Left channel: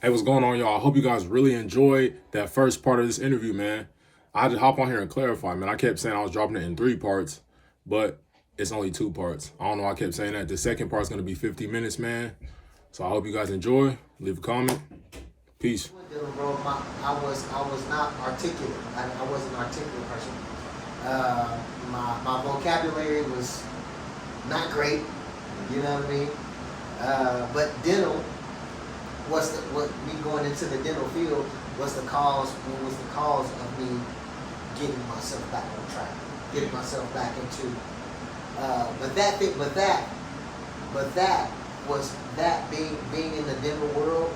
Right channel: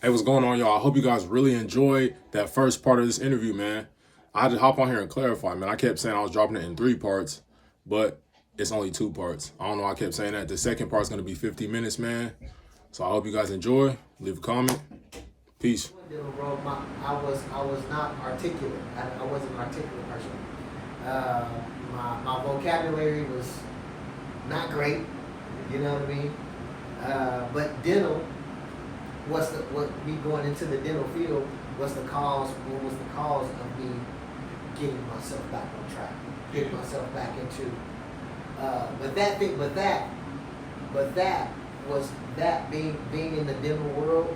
Hey, what's going on, y'all? I hope you guys really enjoyed that first part of this interview, man. I just hop on here and clarify, man. I kept saying I was dropping it in 3 parts, but it's only 2 parts. I don't know why I kept saying that. The second part's going to be 50 minutes, man. So I hope you guys enjoy. Leave a comment. Peace. I was not articulate. I wasn't an articulate person. My vocabulary was not great. You know what I mean? But dental what me going into the dental field was the cause. What was the cause of me getting myself back on track, getting myself back into. But that was that being in the dental world.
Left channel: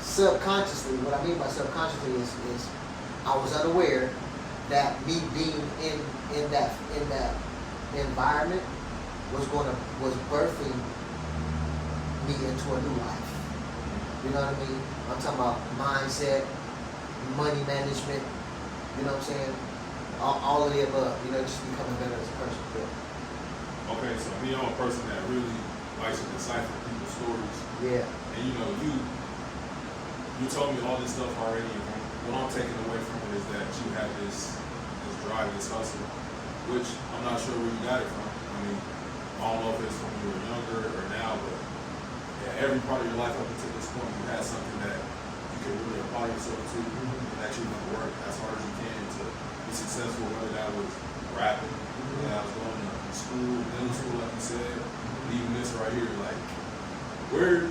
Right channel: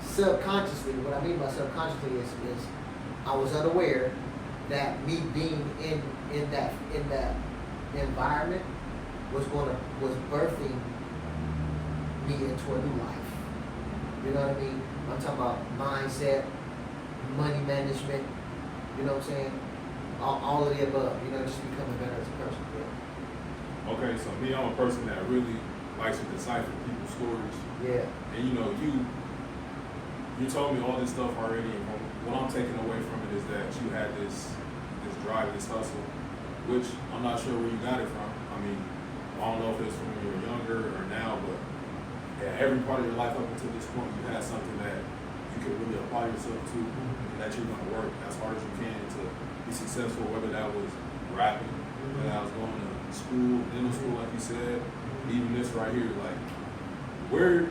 Subconsciously, what I mean by subconsciously is I was unaware that me being in that environment was birthing me into a new life. You know what I mean? I'm talking about mindset, money management. You know what I'm saying? All of the above. You know, just becoming better as a person. Yeah. Okay, so me, I'm a person that really likes to decipher people's stories. Yeah. And you told me all this stuff already, and what I'm taking away from it is that you had this drive, this hustle, which I'm not sure where you got it from. I mean, I don't know if it's from when you were younger or now, but yeah, every part of your life up until this point, you had something that you could really apply yourself to, and that you're gonna work as hard as you can to be successful, whether that was rapping, whether that was going to school, dental school, like you said, even this right here, like, where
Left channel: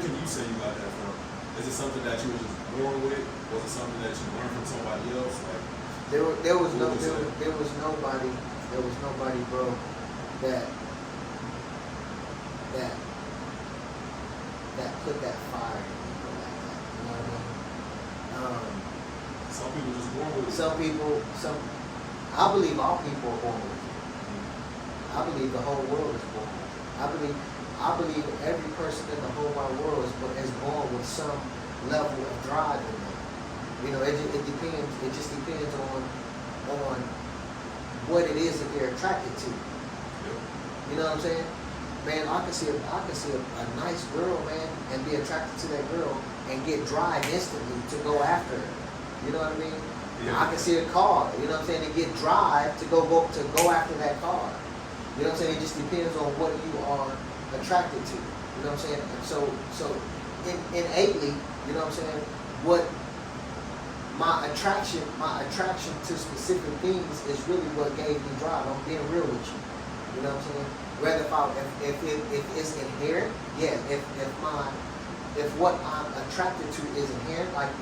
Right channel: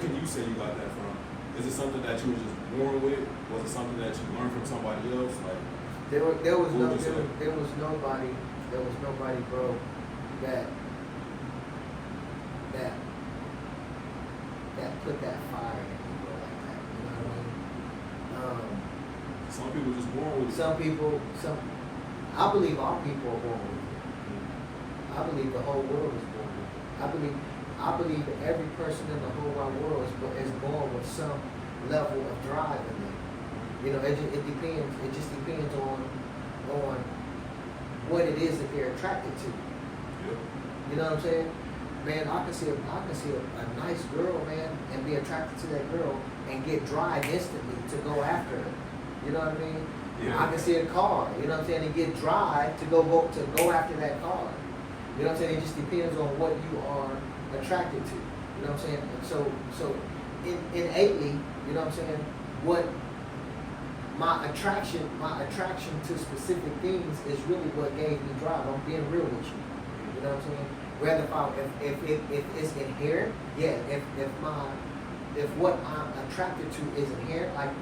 can you say you got that from? Is it something that you were just born with? Was it something that you learned from somebody else? Like, there was nobody, bro, that put that fire in me like that. You know what I mean? Some people just born with it. I believe all people are born with it. I believe the whole world is born with it. I believe every person in the whole wide world is born with some level of drive in them. You know, it depends. It just depends on what it is that they're attracted to. Yeah. You know what I'm saying? Man, I can see a nice girl, man, and be attracted to that girl and get drive instantly to go after her. You know what I mean? Yeah. I can see a car, you know what I'm saying, and get drive to go after that car. You know what I'm saying? It just depends on what you are attracted to. You know what I'm saying? And so innately, you know what I'm saying, what my attraction to specific things is really what gave me drive. I'm being real with you. You know what I'm saying? Whether if it's inherent, yeah. If what I'm attracted to is inherent, like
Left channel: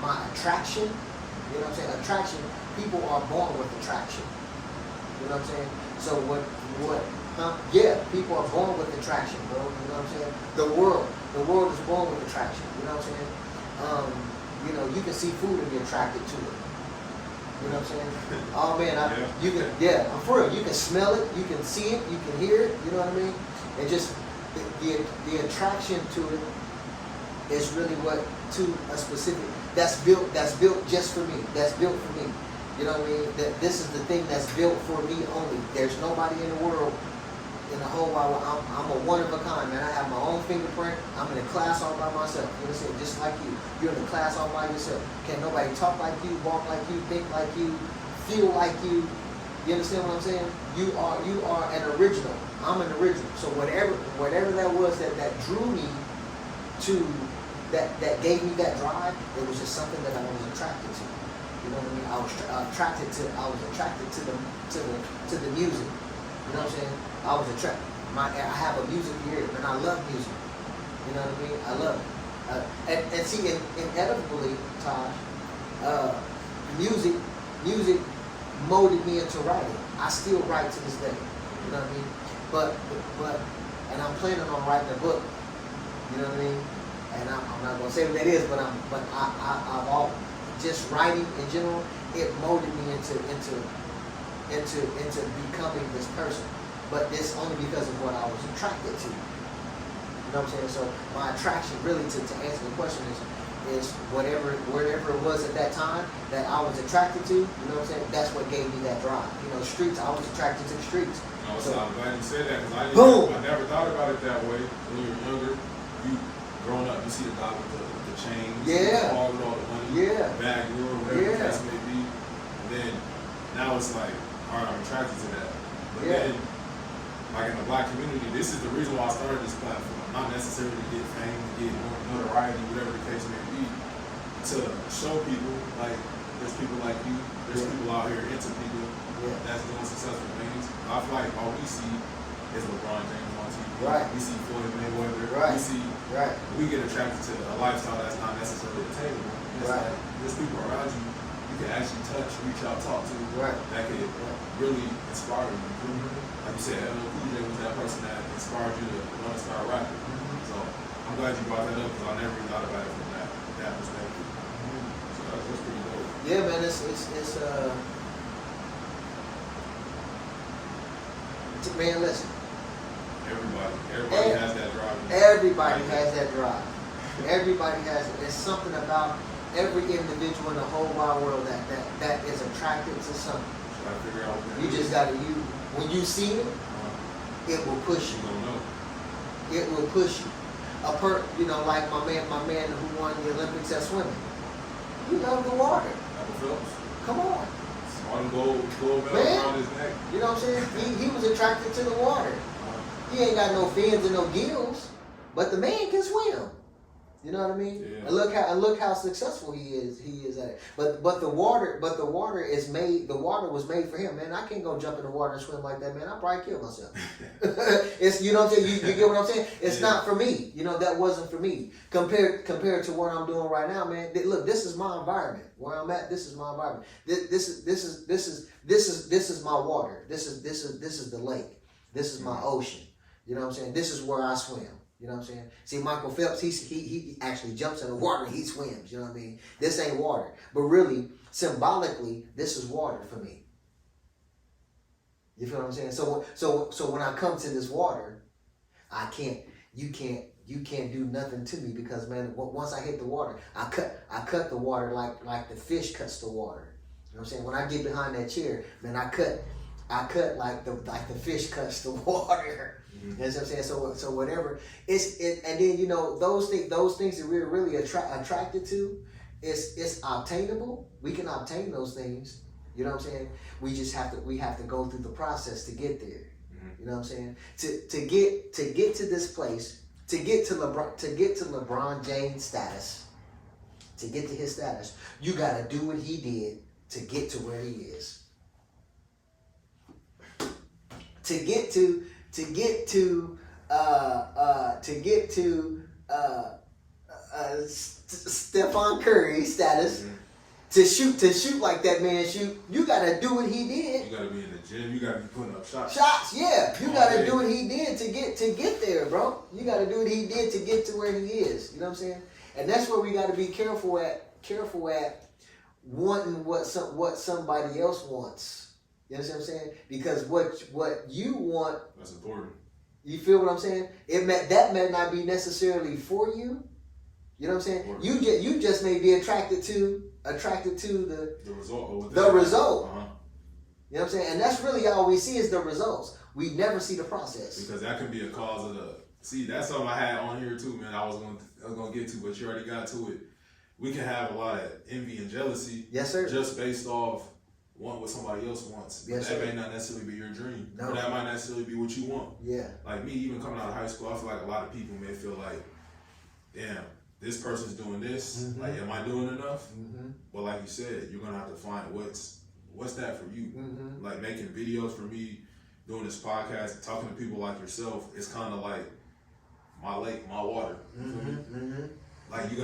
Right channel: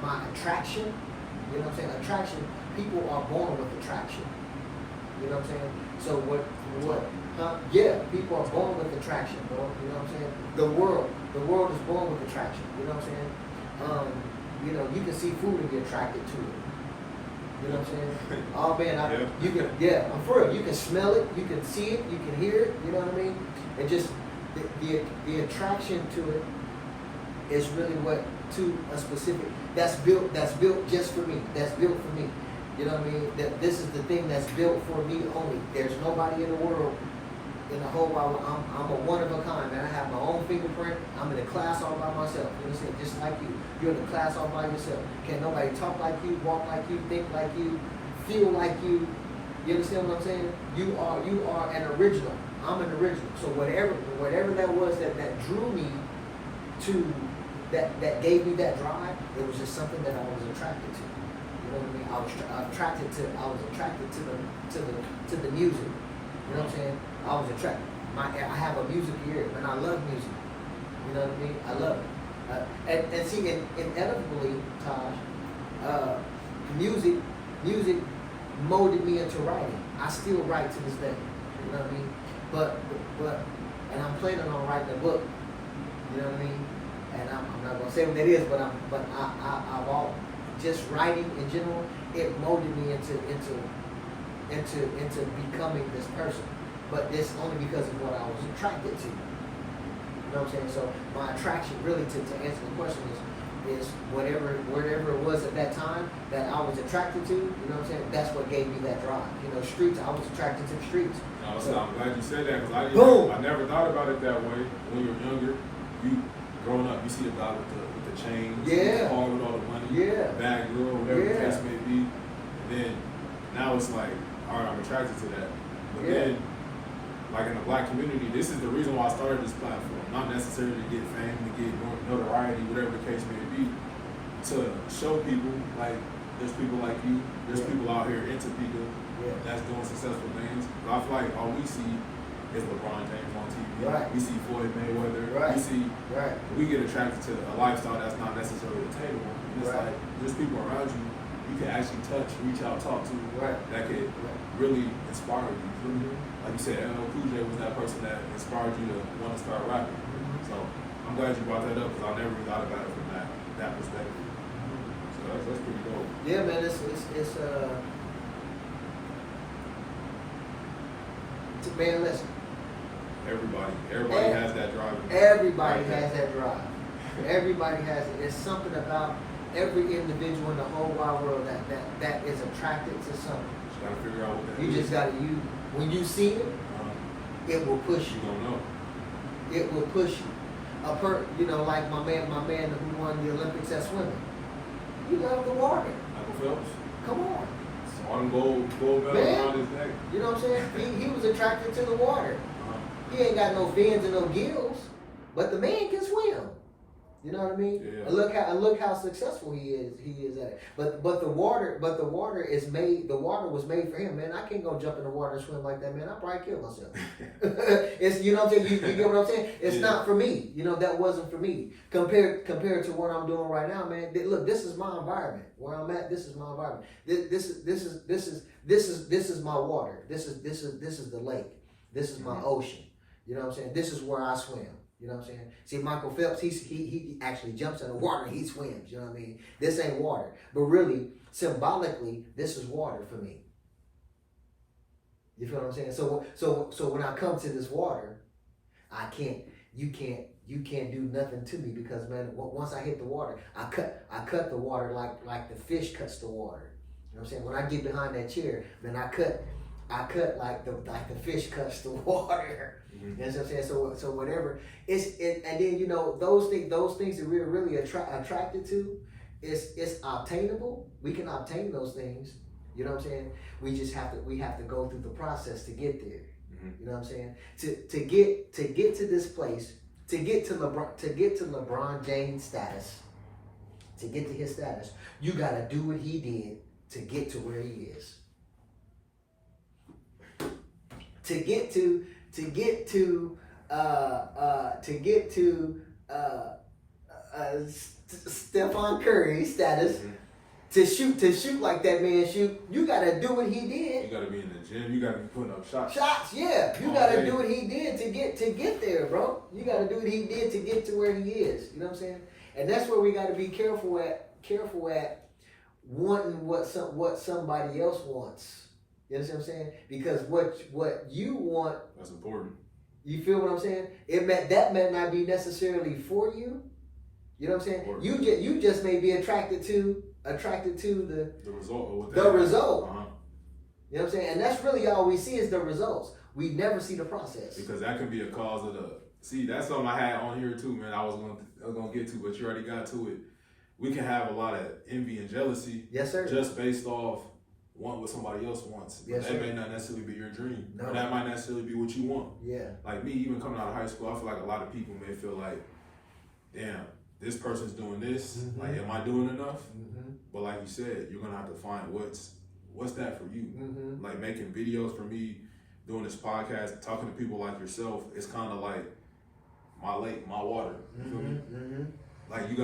my attraction, you know what I'm saying? Attraction, people are born with attraction. You know what I'm saying? So yeah, people are born with attraction, bro. You know what I'm saying? The world is born with attraction. You know what I'm saying? You know, you can see food and be attracted to it. You know what I'm saying? Oh man, I'm for real. You can smell it, you can see it, you can hear it. You know what I mean? It just the attraction to it is really what to a specific that's built just for me. That's built for me. You know what I mean? That this is the thing that's built for me only. There's nobody in the world, in the whole wide world. I'm a one of a kind, man. I have my own fingerprint. I'm in a class all by myself. You understand? Just like you. You're in a class all by yourself. Can't nobody talk like you, walk like you, think like you, feel like you. You understand what I'm saying? You are an original. I'm an original. So whatever that was that drew me to that gave me that drive, it was just something that I was attracted to. You know what I mean? I was attracted to the music. You know what I'm saying? I was attracted. I have a music ear, and I love music. You know what I mean? I love it. And see, inevitably, Tahj, music molded me into writing. I still write to this day. You know what I mean? But and I'm planning on writing a book. You know what I mean? And I'm not gonna say what it is, but I've all just writing in general. It molded me into becoming this person. But it's only because of what I was attracted to. You know what I'm saying? So my attraction really to answer the question is whatever it was at that time that I was attracted to, you know what I'm saying? That's what gave me that drive. You know, streets, I was attracted to the streets. No, so I'm glad you said that, because I never thought about it that way when you were younger. you growing up, you see the guy with the chain, Yeah. the car with all the money, Yeah. bad girl, whatever the Yeah. case may be. And then now it's like, all right, I'm attracted to that. But Yeah. then, like in the black community, this is the reason why I started this platform. Not necessarily to get fame, to get notoriety, whatever the case may be, to show people like there's people like you, there's Yeah. people out here into people Yeah. that's doing successful things. But I feel like all we see is LeBron James on TV. Right. We see Floyd Mayweather. Right. We see. Right. We get attracted to a lifestyle that's not necessarily attainable. Just Right. like there's people around you can actually touch, reach out, talk to, Right. that could really inspire you. Like you said, LL Cool J was that person that inspired you to want to start rapping. So I'm glad you brought that up because I never really thought about it from that perspective. So that's pretty dope. Yeah, man, it's man, listen. Everybody has that drive. Everybody Right has there. that drive. Everybody has it. There's something about every individual in the whole wide world that is attracted to something. Gotta figure out what that You is. just gotta when you see it, it will push You you. don't know. It will push you. Like my man who won the Olympics at swimming. He loved the water. Michael Phelps. Come on. One gold medal Man. around his neck. You know what I'm saying? He was attracted to the water. He ain't got no fins and no gills, but the man can swim. You know what I mean? Yeah. And look how successful he is at it. But the water is made. The water was made for him, man. I can't go jump in the water and swim like that, man. I'll probably kill myself. It's you know what I'm saying. You get what I'm saying? It's Yeah. not for me. You know that wasn't for me. Compared to what I'm doing right now, man. Look, this is my environment. Where I'm at, this is my environment. This is my water. This is the lake. This is my ocean. You know what I'm saying? This is where I swim. You know what I'm saying? See, Michael Phelps, he actually jumps in the water and he swims. You know what I mean? This ain't water. But really, symbolically, this is water for me. You feel what I'm saying? So when I come to this water, you can't do nothing to me because, man, once I hit the water, I cut the water like the fish cuts the water. You know what I'm saying? When I get behind that chair, man, I cut like the fish cuts the water. You know what I'm saying? So whatever and then those things that we're really attracted to, it's obtainable. We can obtain those things. You know what I'm saying? We have to go through the process to get there. You know what I'm saying? To get to this place, to get to LeBron James status, to get to his status, you got to do what he did to get to where he is. To get to Stephen Curry status, to shoot like that man shoot, you gotta do what he did. You gotta be in the gym. You gotta be putting up shots. Yeah. You gotta do what he did to get there, bro. You gotta do what he did to get to where he is. You know what I'm saying? And that's where we gotta be careful at wanting what somebody else wants. You understand what I'm saying? Because what you want, That's important. you feel what I'm saying? That may not be necessarily for you. You know what I'm saying? Important. You just may be attracted to the result. Or the result. Uh-huh. You know what I'm saying? And that's really all we see is the results. We never see the process. Because that could be a cause of see, that's something I had on here too, man. I was gonna get to, but you already got to it. We can have a lot of envy and jealousy. Yes, sir. Just based off want what somebody else wants. But Yes, that sir. may not necessarily be your dream. No. Or that might necessarily be what you want. Yeah. Like me, even coming out of high school, I feel like a lot of people may feel like, damn, this person's doing this. Mm-hmm. Like, am I doing enough? Mm-hmm. But like you said, you're gonna have to find what's that for you. Mm-hmm. Like making videos for me, doing this podcast, talking to people like yourself. It's kind of like my lake, my water. You feel me? Mm-hmm. Like you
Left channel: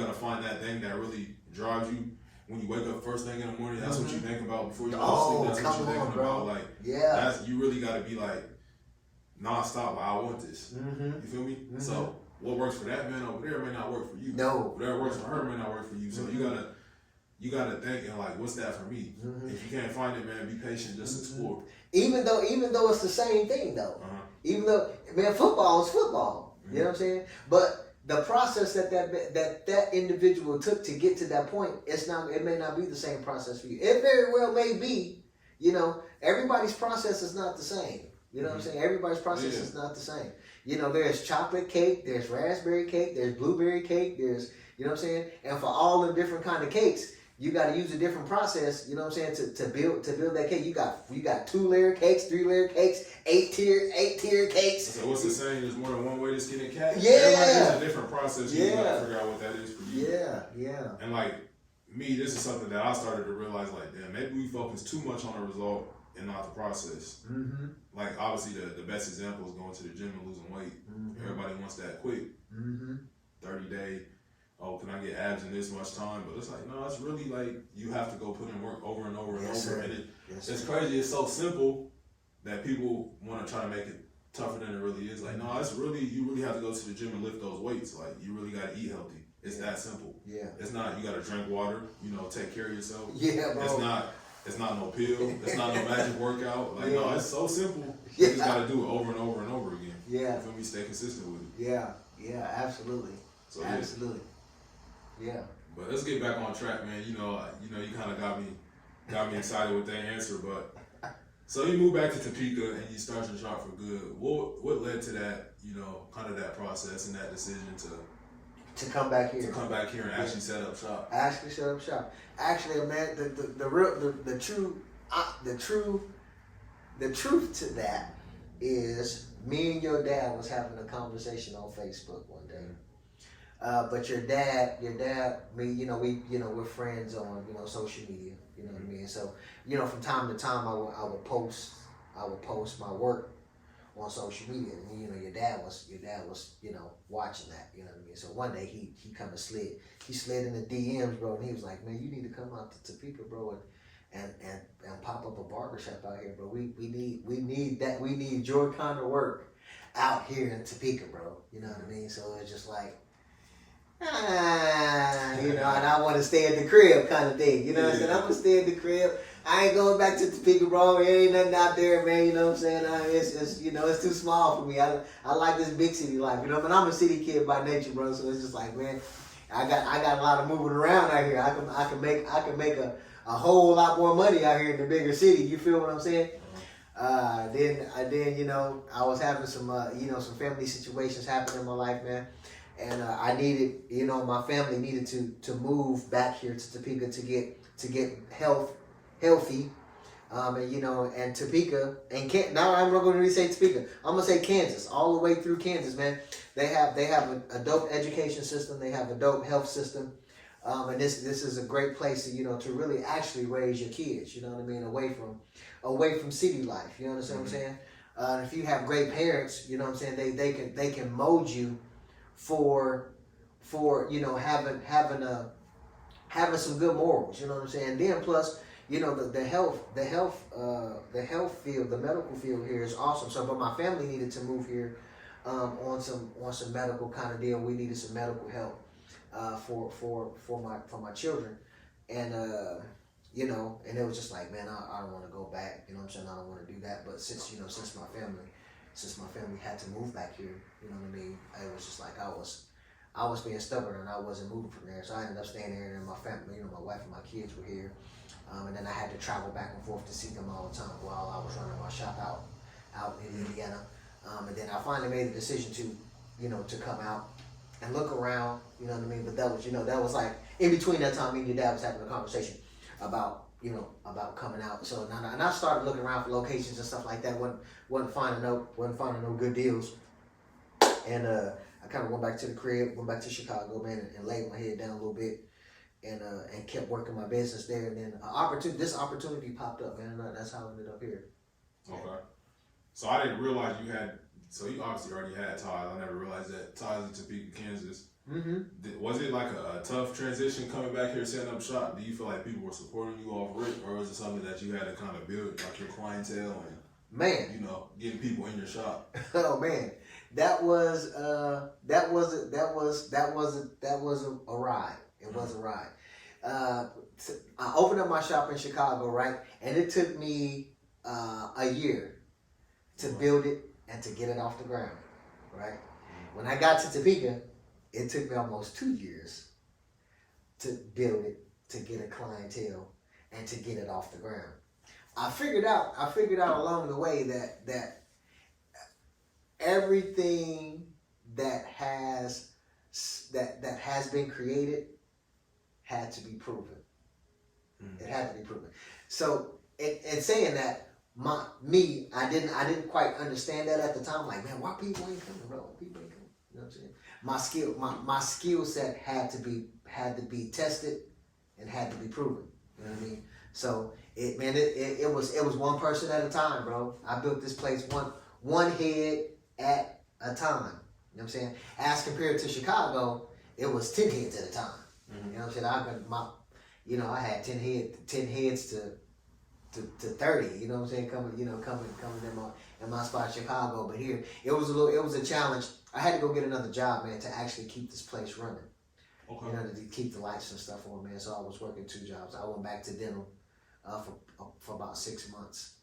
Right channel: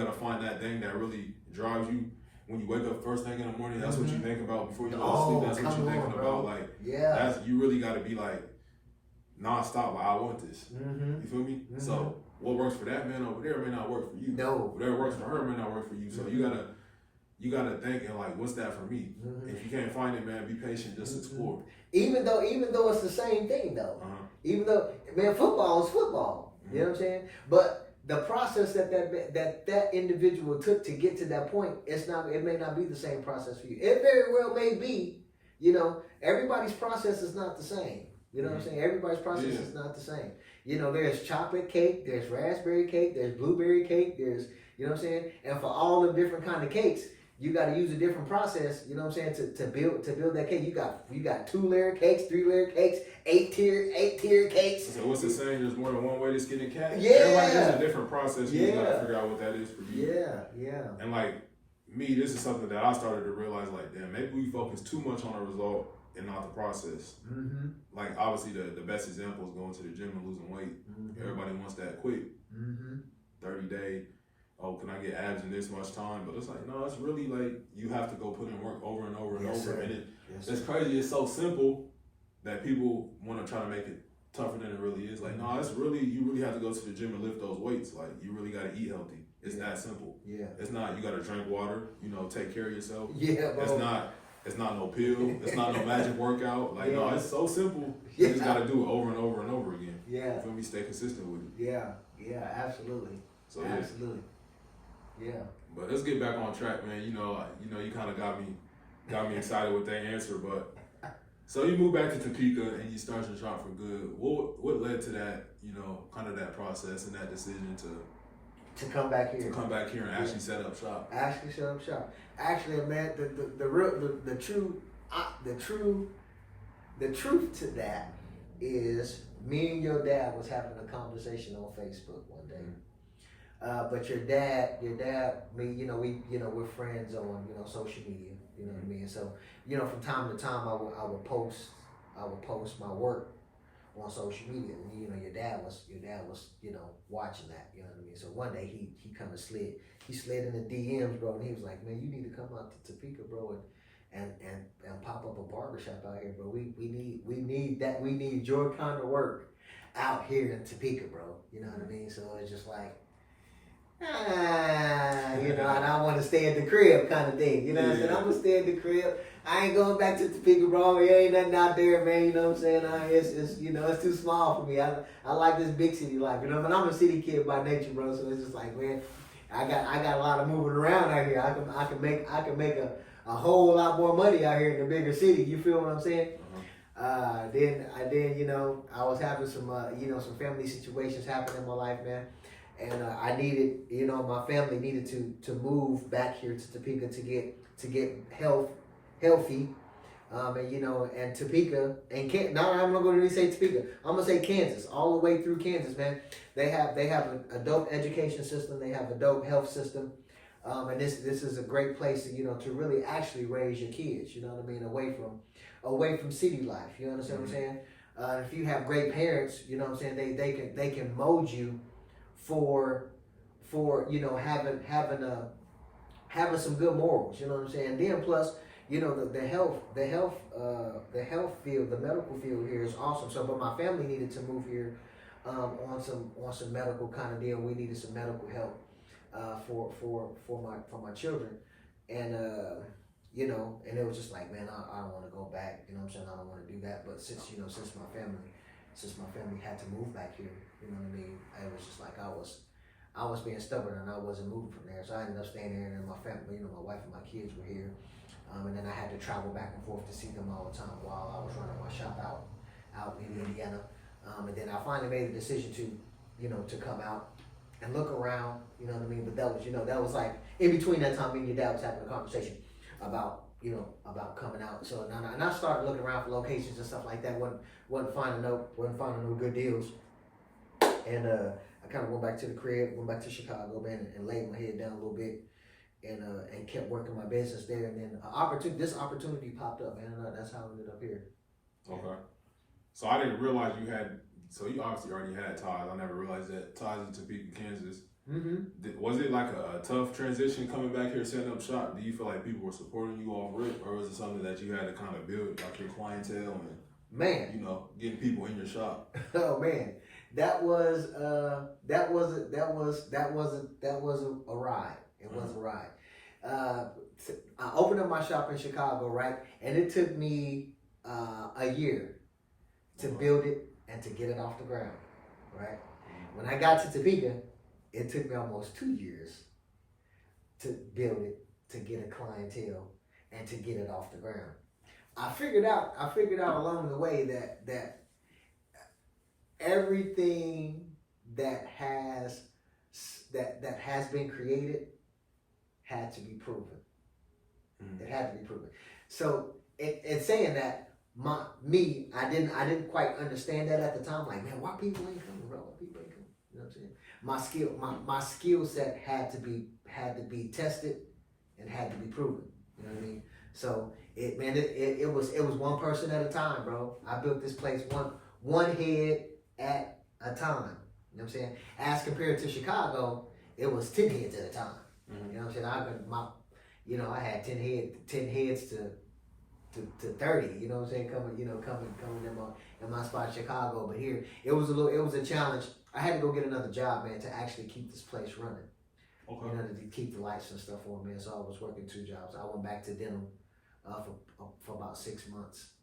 gotta find that thing that really drives you. When you wake up first thing in the morning, that's what you think about before you go to sleep. That's what you're thinking about. Like, yeah, you really got to be like nonstop. Like, I want this. Mm-hmm. You feel me? Mm-hmm. So what works for that man over there may not work for you. No. Whatever works for her may not work for you. So Mm-hmm. you gotta think and like, what's that for me? Mm-hmm. If you can't find it, man, be patient. Just explore. Even though it's the same thing though. Uh-huh. Even though, man, football is football. Mm-hmm. You know what I'm saying? But the process that individual took to get to that point, it may not be the same process for you. It very well may be. You know, everybody's process is not the same. You know what I'm saying? Everybody's process is not the same. You know, there's chocolate cake, there's raspberry cake, there's blueberry cake, there's, you know what I'm saying? And for all the different kind of cakes, you got to use a different process, you know what I'm saying, to build that cake. You got 2-layer cakes, 3-layer cakes, 8-tier cakes. So what's the saying? There's more than one way to skin a cat. Yeah. Everybody has a different process. You Yeah. gotta figure out what that is for you. Yeah. And like me, this is something that I started to realize. Like, damn, maybe we focus too much on the result and not the process. Mm-hmm. Like, obviously, the best example is going to the gym and losing weight. Mm-hmm. Everybody wants that quick, Mm-hmm. 30-day. Oh, can I get abs in this much time? But it's like, no, it's really like you have to go put in work over and over and Yes, over. sir. And Yes, it's sir. crazy. It's so simple that people want to try to make it tougher than it really is. Like, no, it's really, you really have to go to the gym and lift those weights. Like, you really got to eat healthy. It's that simple. Yeah. It's not, you got to drink water, you know, take care of yourself. Yeah, bro. It's not no pill. It's not no magic workout. Like, no, it's so simple. Yeah. You just got to do it over and over and over again. Yeah. If we stay consistent with it. Yeah, absolutely. So, absolutely. Yeah. But let's get back on track, man. You know, you kind of got me excited with that answer. But so you moved back to Topeka and you started your shop for good. What led to that? You know, kind of that process and that decision To come back here. to come back here and actually set up shop. Actually set up shop. Actually, man, the truth to that is me and your dad was having a conversation on Facebook one day. But your dad, we're friends on, social media, you know what I mean? So, from time to time I would post my work on social media, and your dad was watching that, you know what I mean? So one day he kind of slid in the DMs, bro, and he was like, man, you need to come out to Topeka, bro, and pop up a barbershop out here, bro. We need your kind of work out here in Topeka, bro. You know what I mean? So it's just like, and I want to stay at the crib kind of thing. You know what I'm saying? I'm going to stay at the crib. I ain't going back to Topeka, bro. There ain't nothing out there, man. You know what I'm saying? It's too small for me. I like this big city life. You know, but I'm a city kid by nature, bro. So it's just like, man, I got a lot of moving around out here. I can make a whole lot more money out here in the bigger city. You feel what I'm saying? Then I was having some some family situations happen in my life, man. And I needed, my family needed to move back here to Topeka to get healthy, and Topeka and now I'm not going to really say Topeka. I'm gonna say Kansas, all the way through Kansas, man. They have a dope education system. They have a dope health system, and this is a great place to really actually raise your kids. You know what I mean? Away from city life. You understand what I'm saying? If you have great parents, you know what I'm saying, they can mold you for having some good morals, you know what I'm saying? And then plus, the health field, the medical field here is awesome. So, but my family needed to move here on some medical kind of deal. We needed some medical help for my children, and and it was just like, man, I don't want to go back. You know what I'm saying? I don't want to do that. But since my family had to move back here, you know what I mean? It was just like I was being stubborn and I wasn't moving from there. So I ended up staying there, and my family, my wife and my kids were here. And then I had to travel back and forth to see them all the time while I was running my shop out in Indiana. And then I finally made a decision to come out and look around, you know what I mean? But that was like in between that time, me and your dad was having a conversation about coming out. So and I started looking around for locations and stuff like that. Wasn't finding no good deals. And I kind of went back to the crib, went back to Chicago, man, and laid my head down a little bit, and kept working my business there. And then this opportunity popped up, man, and that's how I ended up here. Okay. So I didn't realize so you obviously already had Tahj. I never realized that Tahj is in Topeka, Kansas. Mm-hmm. Was it like a tough transition coming back here, setting up shop? Do you feel like people were supporting you off rip, or was it something that you had to kind of build, like your clientele and getting people in your shop? Oh man, that was a ride. It was a ride. I opened up my shop in Chicago, right, and it took me a year to build it and to get it off the ground, right. When I got to Topeka, it took me almost 2 years to build it, to get a clientele, and to get it off the ground. I figured out along the way that everything that has that has been created had to be proven. It had to be proven. So in saying that, I didn't quite understand that at the time. Like, man, why people ain't coming, bro? Why people ain't coming? You know what I'm saying? My skill set had to be tested and had to be proven. You know what I mean? So it was one person at a time, bro. I built this place one head at a time. You know what I'm saying? As compared to Chicago, it was 10 heads at a time. You know what I'm saying? I had 10 heads to 30. You know what I'm saying? Coming in my spot in Chicago, but here it was a challenge. I had to go get another job, man, to actually keep this place running. Okay. To keep the lights and stuff on, man. So I was working 2 jobs. I went back to denim for about 6 months,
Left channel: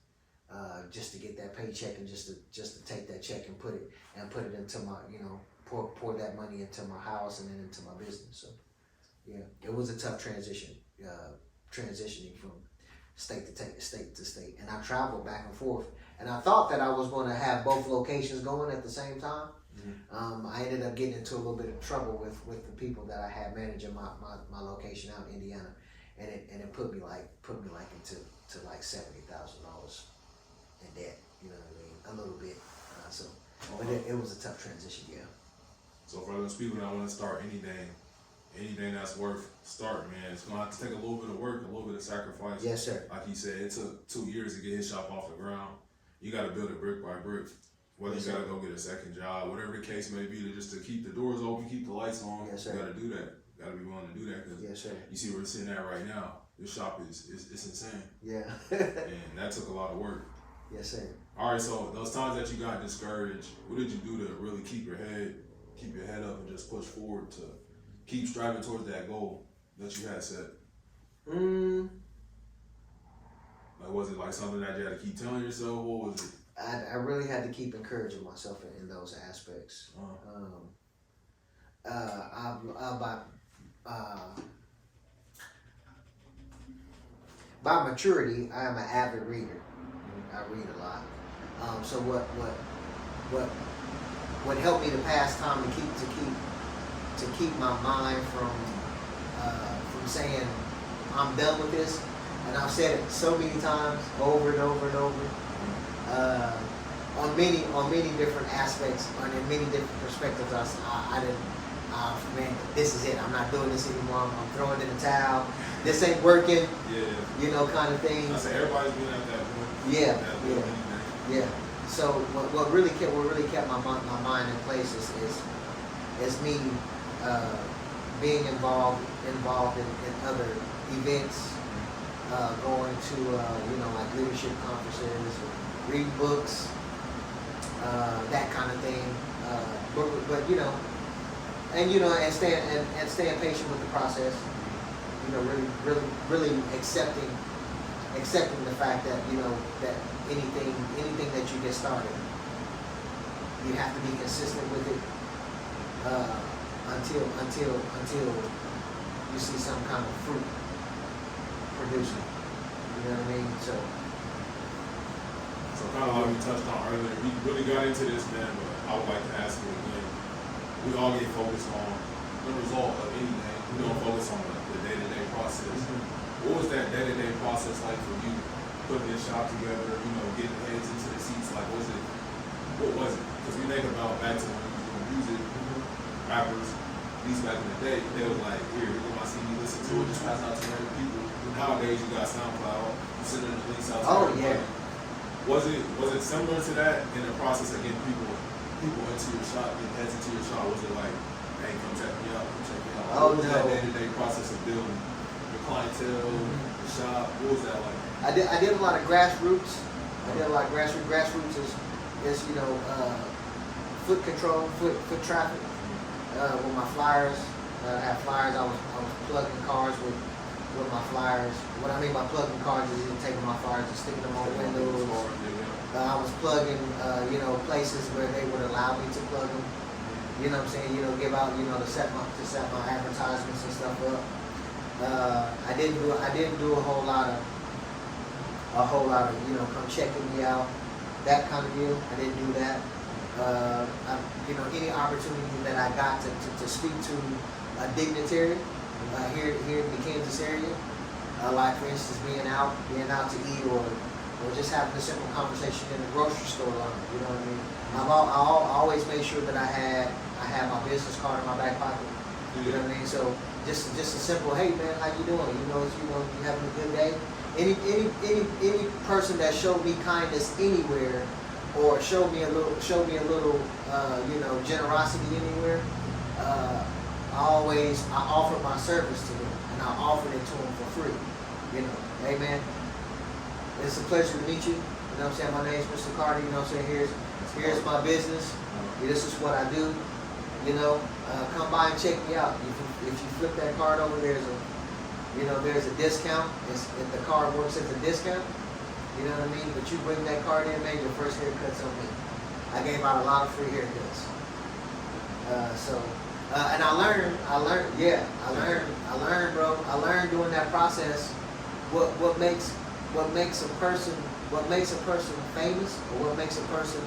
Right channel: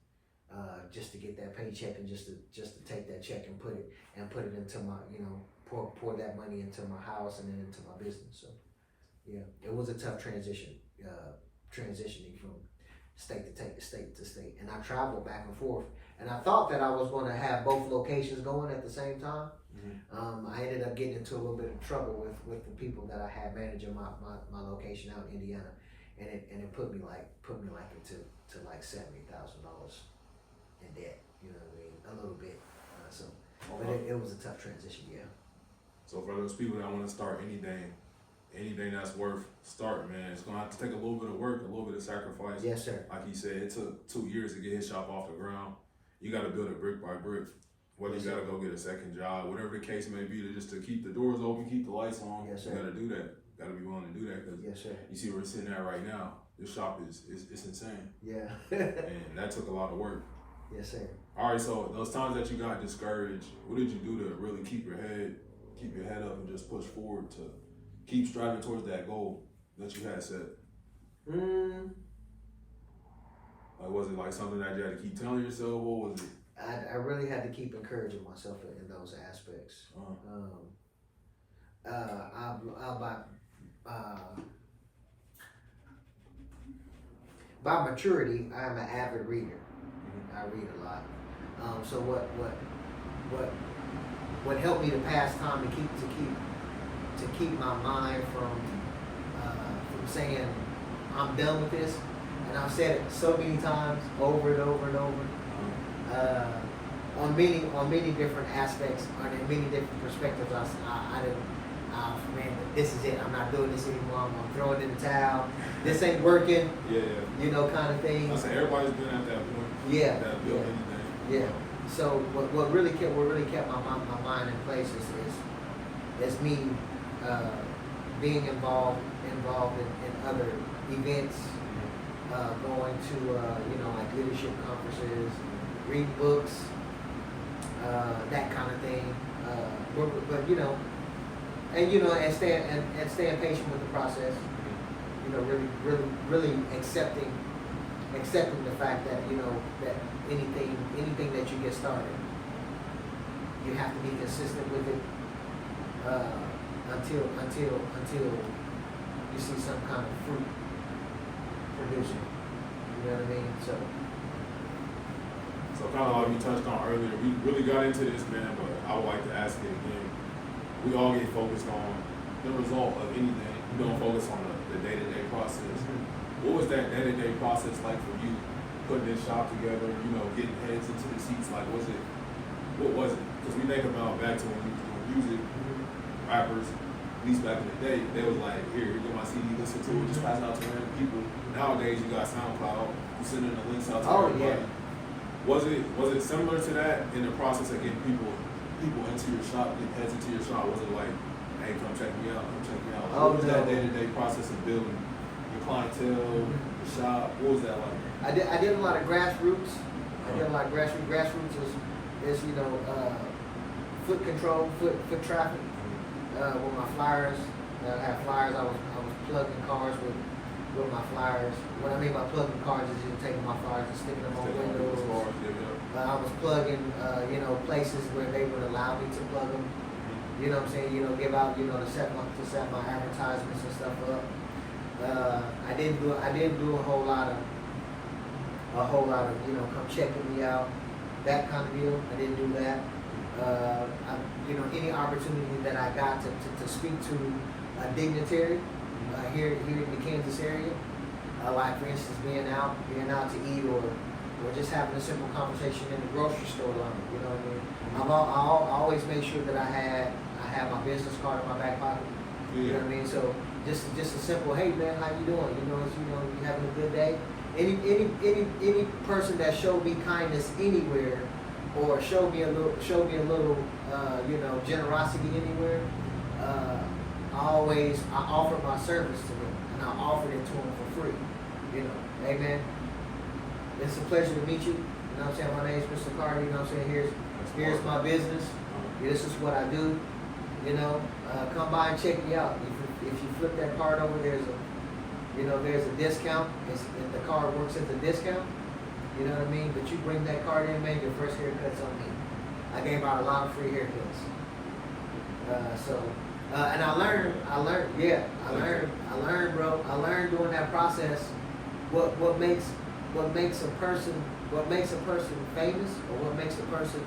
just to get that paycheck and just to take that check and put it into my, pour that money into my house and then into my business. So yeah, it was a tough transitioning from state to state, and I traveled back and forth. And I thought that I was going to have both locations going at the same time. I ended up getting into a little bit of trouble with the people that I had managing my location out in Indiana, and it put me into like $70,000 in debt. You know what I mean? A little bit. But it was a tough transition. Yeah. So for those people that want to start anything that's worth starting, man, it's gonna have to take a little bit of work, a little bit of sacrifice. Yes, sir. Like he said, it took 2 years to get his shop off the ground. You got to build it brick by brick. Whether you got to go get a second job, whatever the case may be, to keep the doors open, keep the lights on. Yes, sir. You got to do that. Got to be willing to do that, because yes, sir. You see where it's sitting at right now. This shop is insane. Yeah. And that took a lot of work. Yes, sir. All right, so those times that you got discouraged, what did you do to really keep your head up and just push forward to keep striving towards that goal that you had set? Like, was it like something that you had to keep telling yourself? What was it? I really had to keep encouraging myself in those aspects. By maturity, I am an avid reader. I read a lot. So what helped me to pass time to keep my mind from saying I'm done with this, and I've said it so many times over and over and over. On many different aspects, and in many different perspectives, I didn't. Man, this is it. I'm not doing this anymore. I'm throwing in the towel. This ain't working. Yeah. Kind of thing. I say everybody's been at that point. Yeah. Anything. Yeah. So what really kept my mind in place is me being involved in other events, going to like leadership conferences, read books, that kind of thing. And staying patient with the process. Really accepting the fact that that anything that you get started, you have to be consistent with it until you see some kind of fruit producing. You know what I mean? So kind of like we touched on earlier, we really got into this, man, but I would like to ask it again. We all get focused on the result of anything. We don't focus on the day-to-day process. What was that day-to-day process like for you, putting this shop together, getting heads into the seats? Like, what was it? Because we think about back to when we was doing music, rappers, at least back in the day, they was like, here go my CD, listen to it, just pass it out to random people. Nowadays, you got SoundCloud, you sending the links out to everybody. Yeah. Was it similar to that in the process of getting people into your shop, getting heads into your shop? Was it like, hey, come check me out, What was that day-to-day process of building your clientele, the shop? What was that like? I did a lot of grassroots. Grassroots is foot control, foot traffic. With my flyers, I had flyers. I was plugging cars with my flyers. What I mean by plugging cars is taking my flyers and sticking them on windows. I was plugging, places where they would allow me to plug them. You know what I'm saying? Give out, to set my advertisements and stuff up. I didn't do a whole lot of come checking me out, that kind of deal. I didn't do that. You know, any opportunity that I got to speak to a dignitary here in the Kansas area, like for instance being out to eat or just having a simple conversation in the grocery store longer. You know what I mean? I always made sure that I had my business card in my back pocket. You know what I mean? So just a simple, hey man, how you doing? You having a good day? Any person that showed me kindness anywhere, or showed me a little generosity anywhere, I offered my service to them, and I offered it to them for free. You know, hey man, it's a pleasure to meet you. You know what I'm saying? My name's Mr. Carter. You know what I'm saying? Here's my business. This is what I do. You know, come by and check me out. If you flip that card over, there's a discount. If the card works at the discount, you know what I mean? But you bring that card in, man, your first haircut's on me. I gave out a lot of free haircuts. And I learned, bro. I learned during that process what makes a person famous, or what makes a person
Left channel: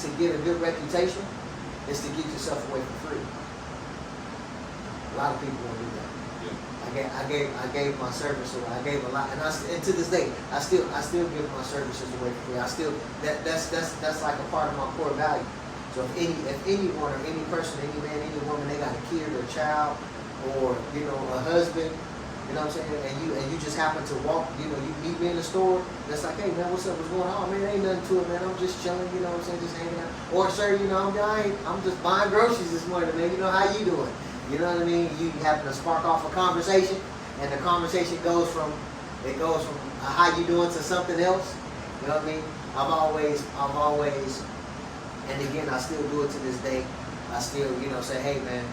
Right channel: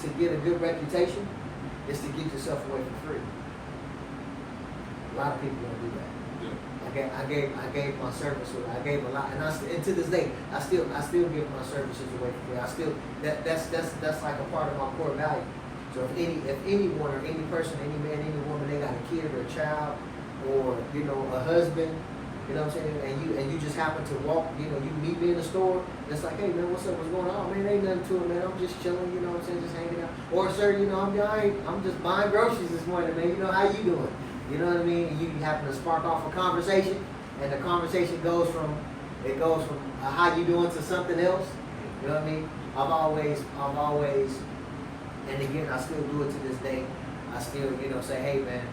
to get a good reputation is to give yourself away for free. A lot of people won't do that. Yeah. I gave my service away. I gave a lot, and to this day, I still give my services away for free. That's like a part of my core value. So if anyone or any person, any man, any woman, they got a kid or a child, or a husband, you know what I'm saying, and you just happen to walk, you meet me in the store, and it's like, hey man, what's up, what's going on? Man, ain't nothing to it, man. I'm just chilling, you know what I'm saying, just hanging out. Or sir, I'm just buying groceries this morning, man. How you doing? You know what I mean? You happen to spark off a conversation, and the conversation goes from how you doing to something else. You know what I mean? I'm always, and again, I still do it to this day. I still, say, hey man,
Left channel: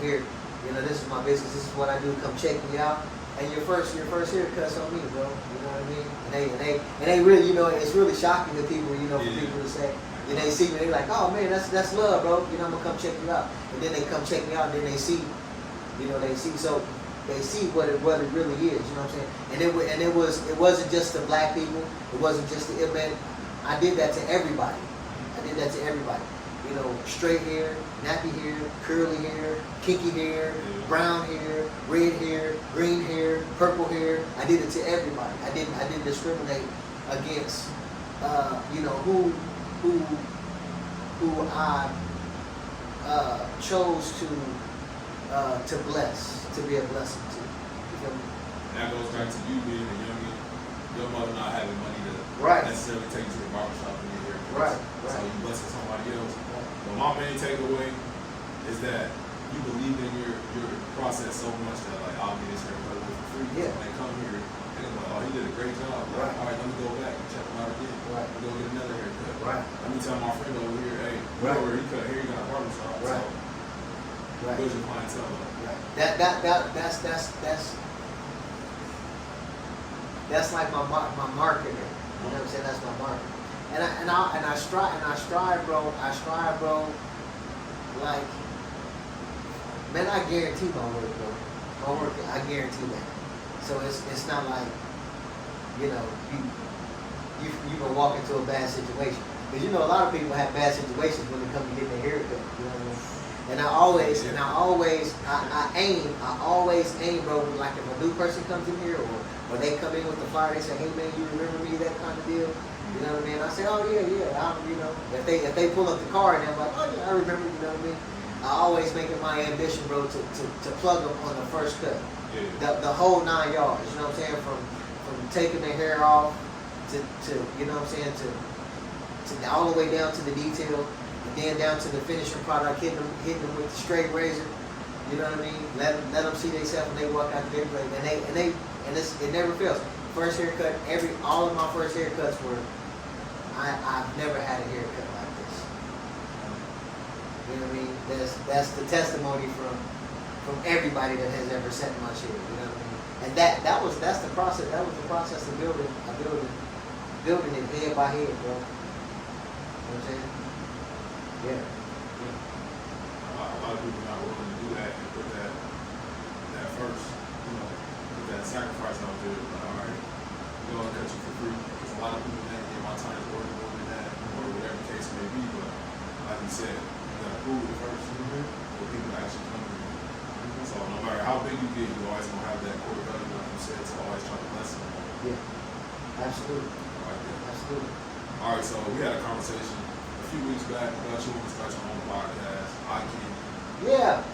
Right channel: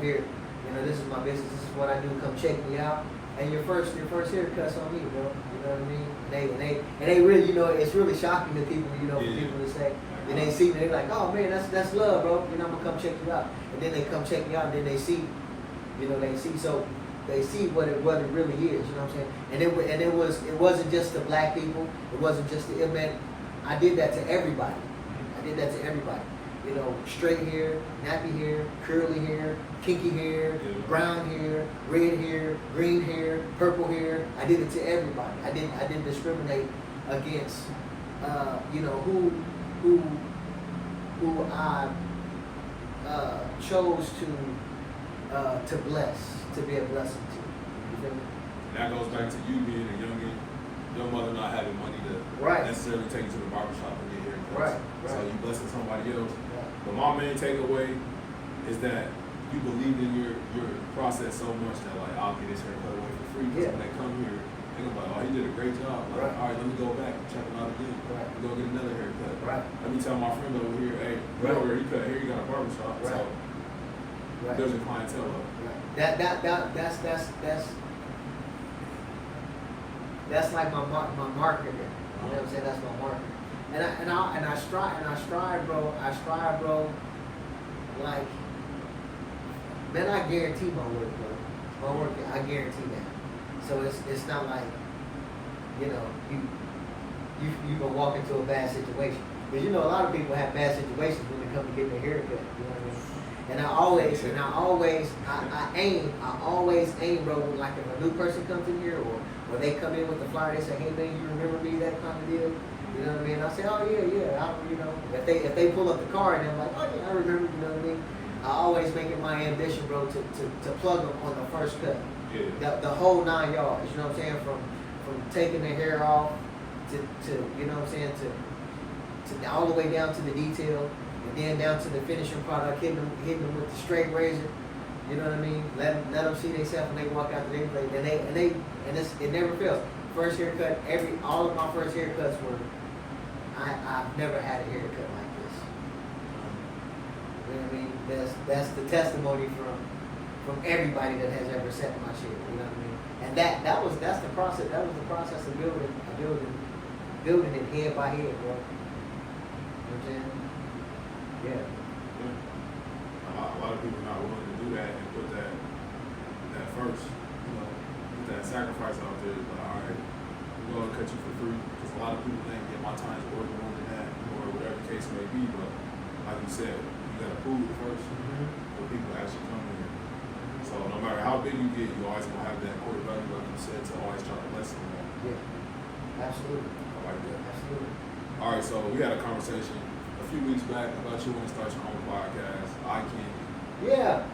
here, this is my business. This is what I do. Come check me out. And your first haircut's on me, bro. You know what I mean? And they really, it's really shocking to people, for people to say. And they see me, they like, oh man, that's love, bro. I'm gonna come check you out. And then they come check me out, and then they see, so they see what it really is. You know what I'm saying? And it wasn't just the black people. It wasn't just the man. I did that to everybody. Straight hair, nappy hair, curly hair, kinky hair, brown hair, red hair, green hair, purple hair. I did it to everybody. I didn't discriminate against, who I chose to bless, to be a blessing to. You feel me? That goes back to you being a youngin', your mother not having money to necessarily take you to the barbershop and get haircuts. Right. So you blessing somebody else. But my main takeaway is that you believe in your process so much that like I'll get his haircut away for free. Yeah. So when they come here, they're gonna be like, oh, he did a great job. Like, all right, let me go back and check him out again. Right. We're gonna get another haircut. Right. Let me tell my friend over here, hey, he cut hair, he got a barbershop. Right. So there's your clientele though. Right. That's like my marketing. You know what I'm saying? That's my marketing. And I strive, bro. Like, man, I guarantee my work, bro. My work, I guarantee that. So it's not like, you gonna walk into a bad situation. Because a lot of people have bad situations when they come to get their haircut. You know what I mean? And I always aim, bro. Like if a new person comes in here, or they come in with the flyer, they say, hey man, you remember me, that kind of deal. You know what I mean? I say, oh yeah. If they pull up the card and I'm like, oh yeah, I remember. You know what I mean? I always make it my ambition, bro, to plug them on the first cut. Yeah. The whole 9 yards. You know what I'm saying? From taking the hair off to you know what I'm saying, to all the way down to the detail, and then down to the finishing product, hitting them with the straight razor. You know what I mean? Let them see themselves when they walk out the place, and it never fails. First haircut, all of my first haircuts were, I've never had a haircut like this. You know what I mean? That's the testimony from everybody that has ever sat in my chair. You know what I mean? And that's the process. That was the process of building it head by head, bro. You know what I'm saying? Yeah. A lot of people not willing to do that and put that first, put that sacrifice out there. Like, all right, going to cut you for free. Because a lot of people think, yeah, my time's worth more than that, or whatever the case may be. But like you said, you got to prove it first. For people actually come in. So no matter how big you get, you always going to have that core value, like you said, to always try to lessen that. Yeah, absolutely. I like that. Absolutely. All right, so we had a conversation a few weeks back about you want to start your own podcast, Eye Candy. Yeah.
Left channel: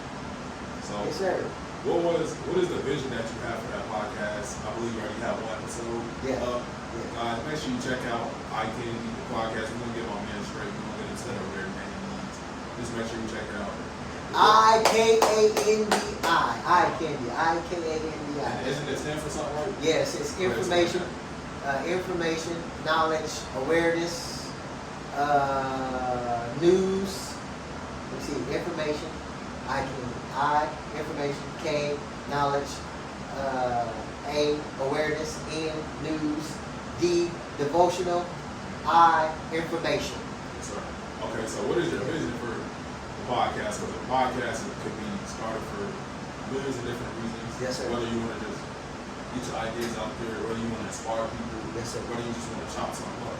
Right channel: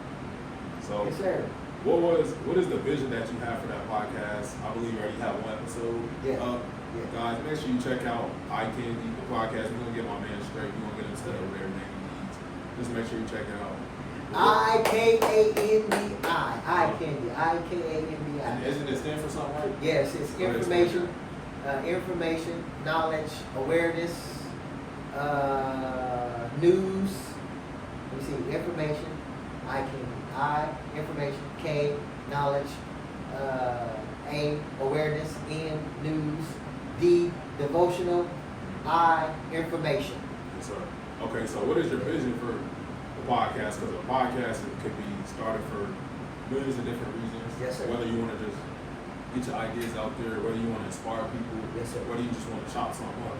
So Yes, sir. what is the vision that you have for that podcast? I believe you already have one episode up. Yeah. Guys, make sure you check out Eye Candy, the podcast. We're gonna get my man straight. We're gonna get him set up with everything he needs. Just make sure you check it out. I-K-A-N-D-I. Eye Candy. I-K-A-N-D-I. And isn't it stand for something, right? Yes, it's information, information, knowledge, awareness, news. Let me see, information, I can, information, K, knowledge, A, awareness, N, news, D, devotional, I, information. Yes, sir. Okay, so what is your vision for the podcast? Because a podcast could be started for millions of different reasons. Yes, sir. Whether you want to just get your ideas out there, whether you want to inspire people, Yes, sir. whether you just want to chop something up.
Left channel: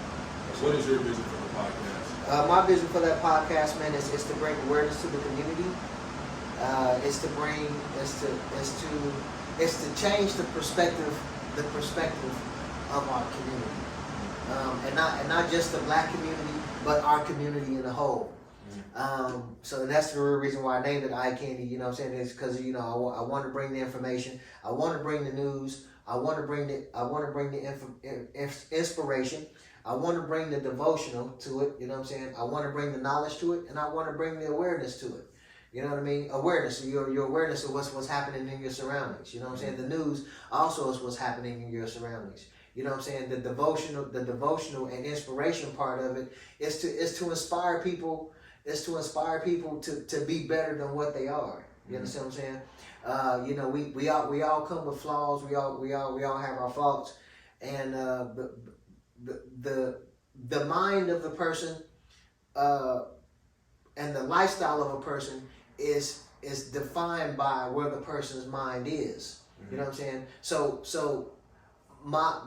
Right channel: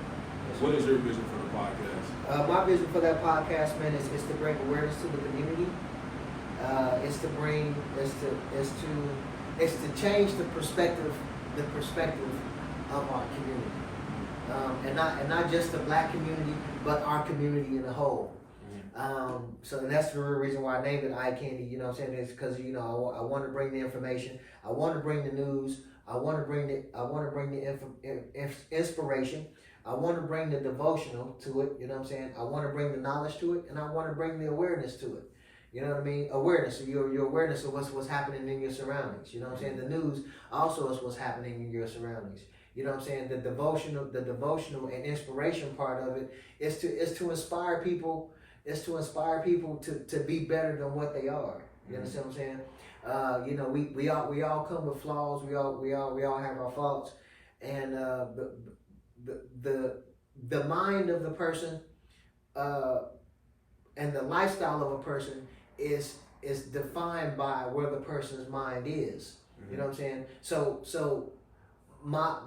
Yes, What is your vision for the podcast? My vision for that podcast, man, is to bring awareness to the community. It's to change the perspective of our community, and not just the black community, but our community in a whole. So and that's the real reason why I named it Eye Candy. You know what I'm saying? It's because I want to bring the information. I want to bring the news. I want to bring the inspiration. I want to bring the devotional to it, you know what I'm saying? I want to bring the knowledge to it, and I want to bring the awareness to it. You know what I mean? Awareness, your awareness of what's happening in your surroundings. You know what I'm saying? The news also is what's happening in your surroundings. You know what I'm saying? The devotional and inspiration part of it is to inspire people. Is to inspire people to be better than what they are. You understand what I'm saying? We all come with flaws. We all have our faults, and the mind of the person and the lifestyle of a person is defined by where the person's mind is. You know what I'm saying? So my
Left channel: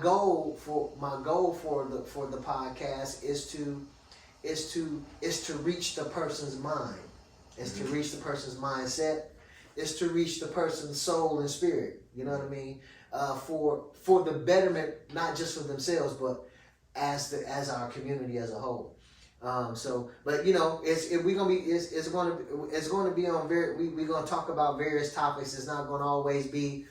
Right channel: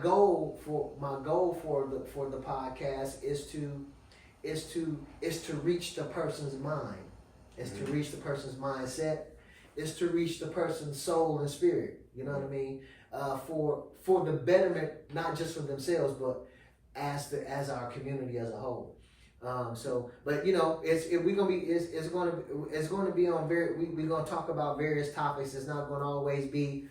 goal for the podcast is to reach the person's mind. Is to reach the person's mindset. Is to reach the person's soul and spirit. You know what I mean? For the betterment, not just for themselves, but as our community as a whole. We're gonna be on we're gonna talk about various topics. It's not gonna always be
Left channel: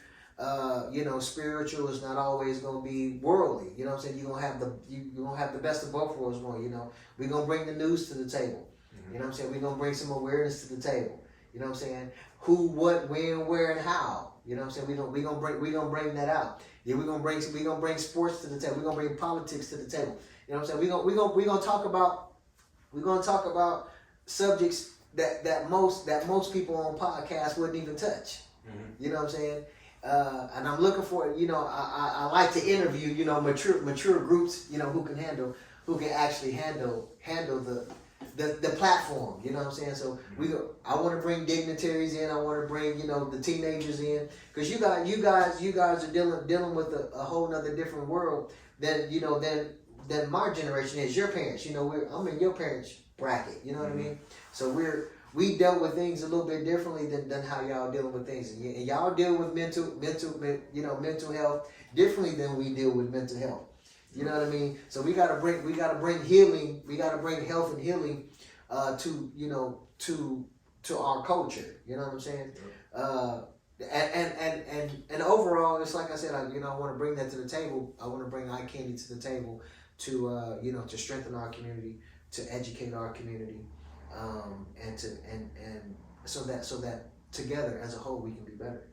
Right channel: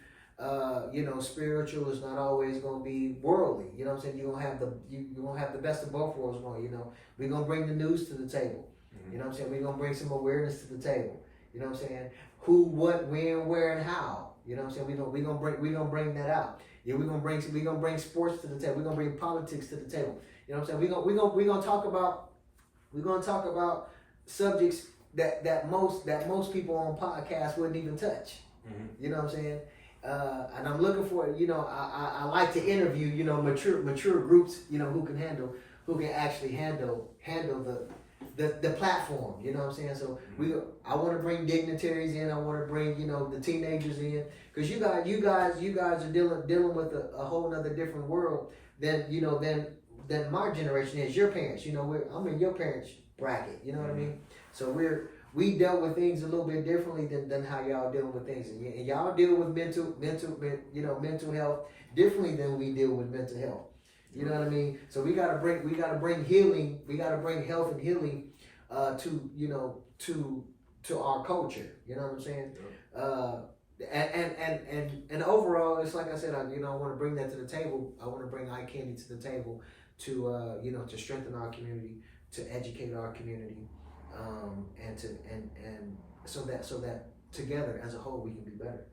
spiritual. It's not always gonna be worldly. You know what I'm saying? You're gonna have the best of both worlds going. We're gonna bring the news to the table. You know what I'm saying? We're gonna bring some awareness to the table. You know what I'm saying? Who, what, when, where, and how. You know what I'm saying? We're gonna bring that out. Yeah, we're gonna bring sports to the table. We're gonna bring politics to the table. You know what I'm saying? We're gonna talk about subjects that most people on podcasts wouldn't even touch. You know what I'm saying? And I'm looking for I like to interview mature groups who can actually handle the platform. You know what I'm saying? So I want to bring dignitaries in. I want to bring the teenagers in, because you guys are dealing with a whole nother different world than my generation is. Your parents, I'm in your parents' bracket. You know what I mean? So we dealt with things a little bit differently than how y'all dealing with things, and y'all deal with mental health differently than we deal with mental health. You know what I mean? So we gotta bring healing. We gotta bring health and healing to our culture. You know what I'm saying? Yep. And overall, it's like I said. I want to bring that to the table. I want to bring Eye Candy to the table to to strengthen our community, to educate our community, and so that together as a whole we can be better.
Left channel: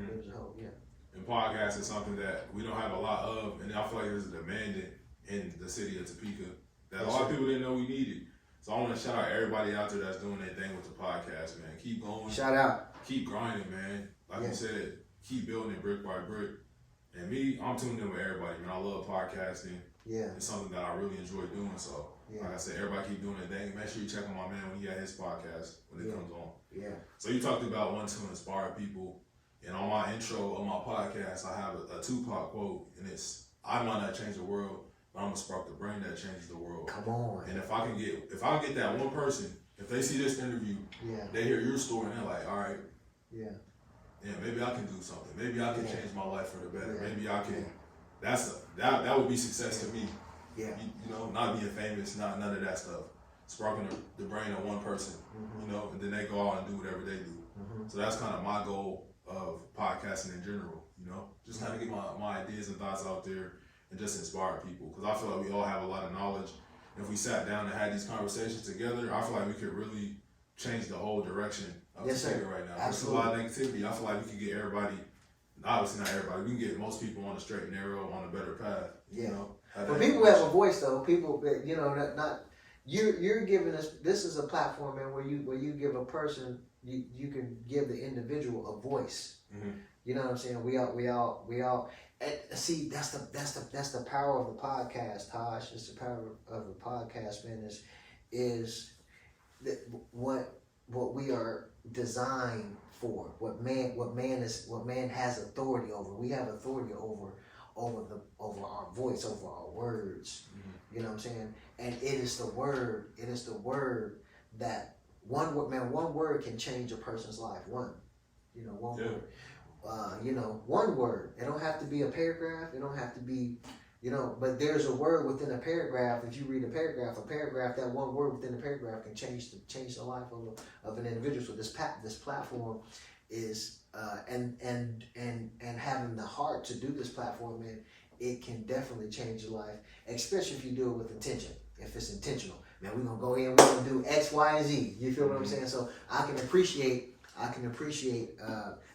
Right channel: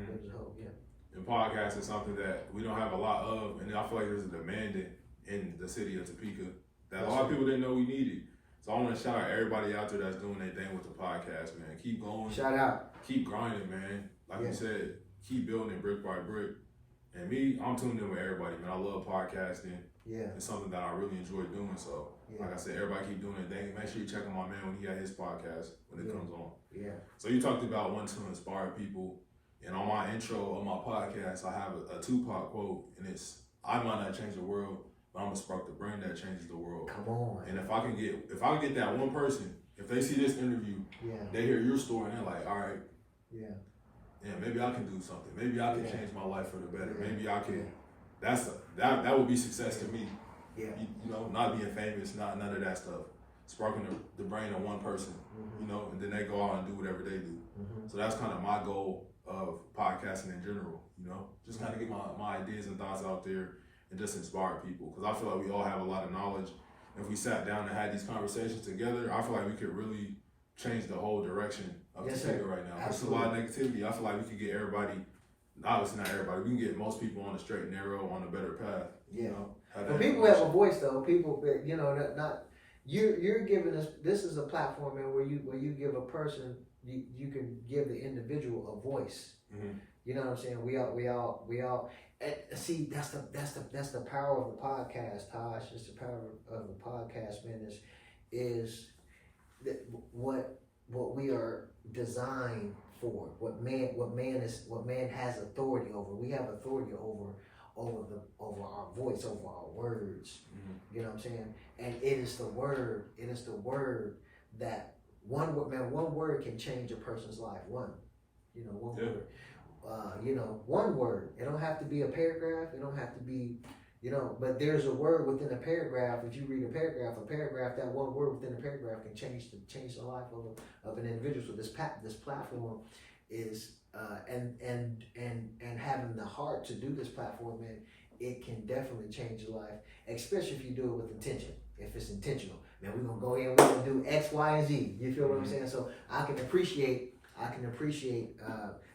As a whole, yeah. And podcast is something that we don't have a lot of, and I feel like there's a demand in the city of Topeka that a lot of people didn't know we needed. So I want to shout out everybody out there that's doing their thing with the podcast, man. Keep going. Shout out. Keep grinding, man. Like you said, keep building it brick by brick. And me, I'm tuned in with everybody, man. I love podcasting. Yeah. It's something that I really enjoy doing. So, like I said, everybody keep doing their thing. Make sure you check on my man when he got his podcast when it comes on. Yeah. So you talked about wanting to inspire people And on my intro of my podcast, I have a Tupac quote, and it's, I might not change the world, but I'm gonna spark the brain that changes the world. Come on. And if I get that one person, if they see this interview, they hear your story and they're like, all right, maybe I can do something. Maybe I can change my life for the better. Maybe I can. That would be success to me. Yeah. You know, not being famous, not none of that stuff. Sparking the brain of one person, you know, and then they go out and do whatever they do. So that's kind of my goal of podcasting in general, you know, just kind of get my ideas and thoughts out there and just inspire people. Because I feel like we all have a lot of knowledge. If we sat down and had these conversations together, I feel like we could really change the whole direction of the state right now. There's a lot of negativity. I feel like we could get everybody, obviously not everybody, we can get most people on a straight and narrow, on a better path. You know, but people have a voice though. People, you know, not you're giving us. This is a platform, man, where you give a person, you can give the individual a voice. You know what I'm saying? We all. And see, that's the power of the podcast, Tahj. It's the power of the podcast, man. Is that what we are designed for? What man has authority over. We have authority over our voice, over our words. You know what I'm saying? And it is the word that one word can change a person's life. One word. One word. It don't have to be a paragraph. It don't have to be, but there's a word within a paragraph. If you read a paragraph, that one word within the paragraph can change the life of an individual. So this platform is and having the heart to do this platform, man, it can definitely change your life, especially if you do it with intention. If it's intentional, man, we're gonna go in, we're gonna do X, Y, and Z. You feel what I'm saying? So I can appreciate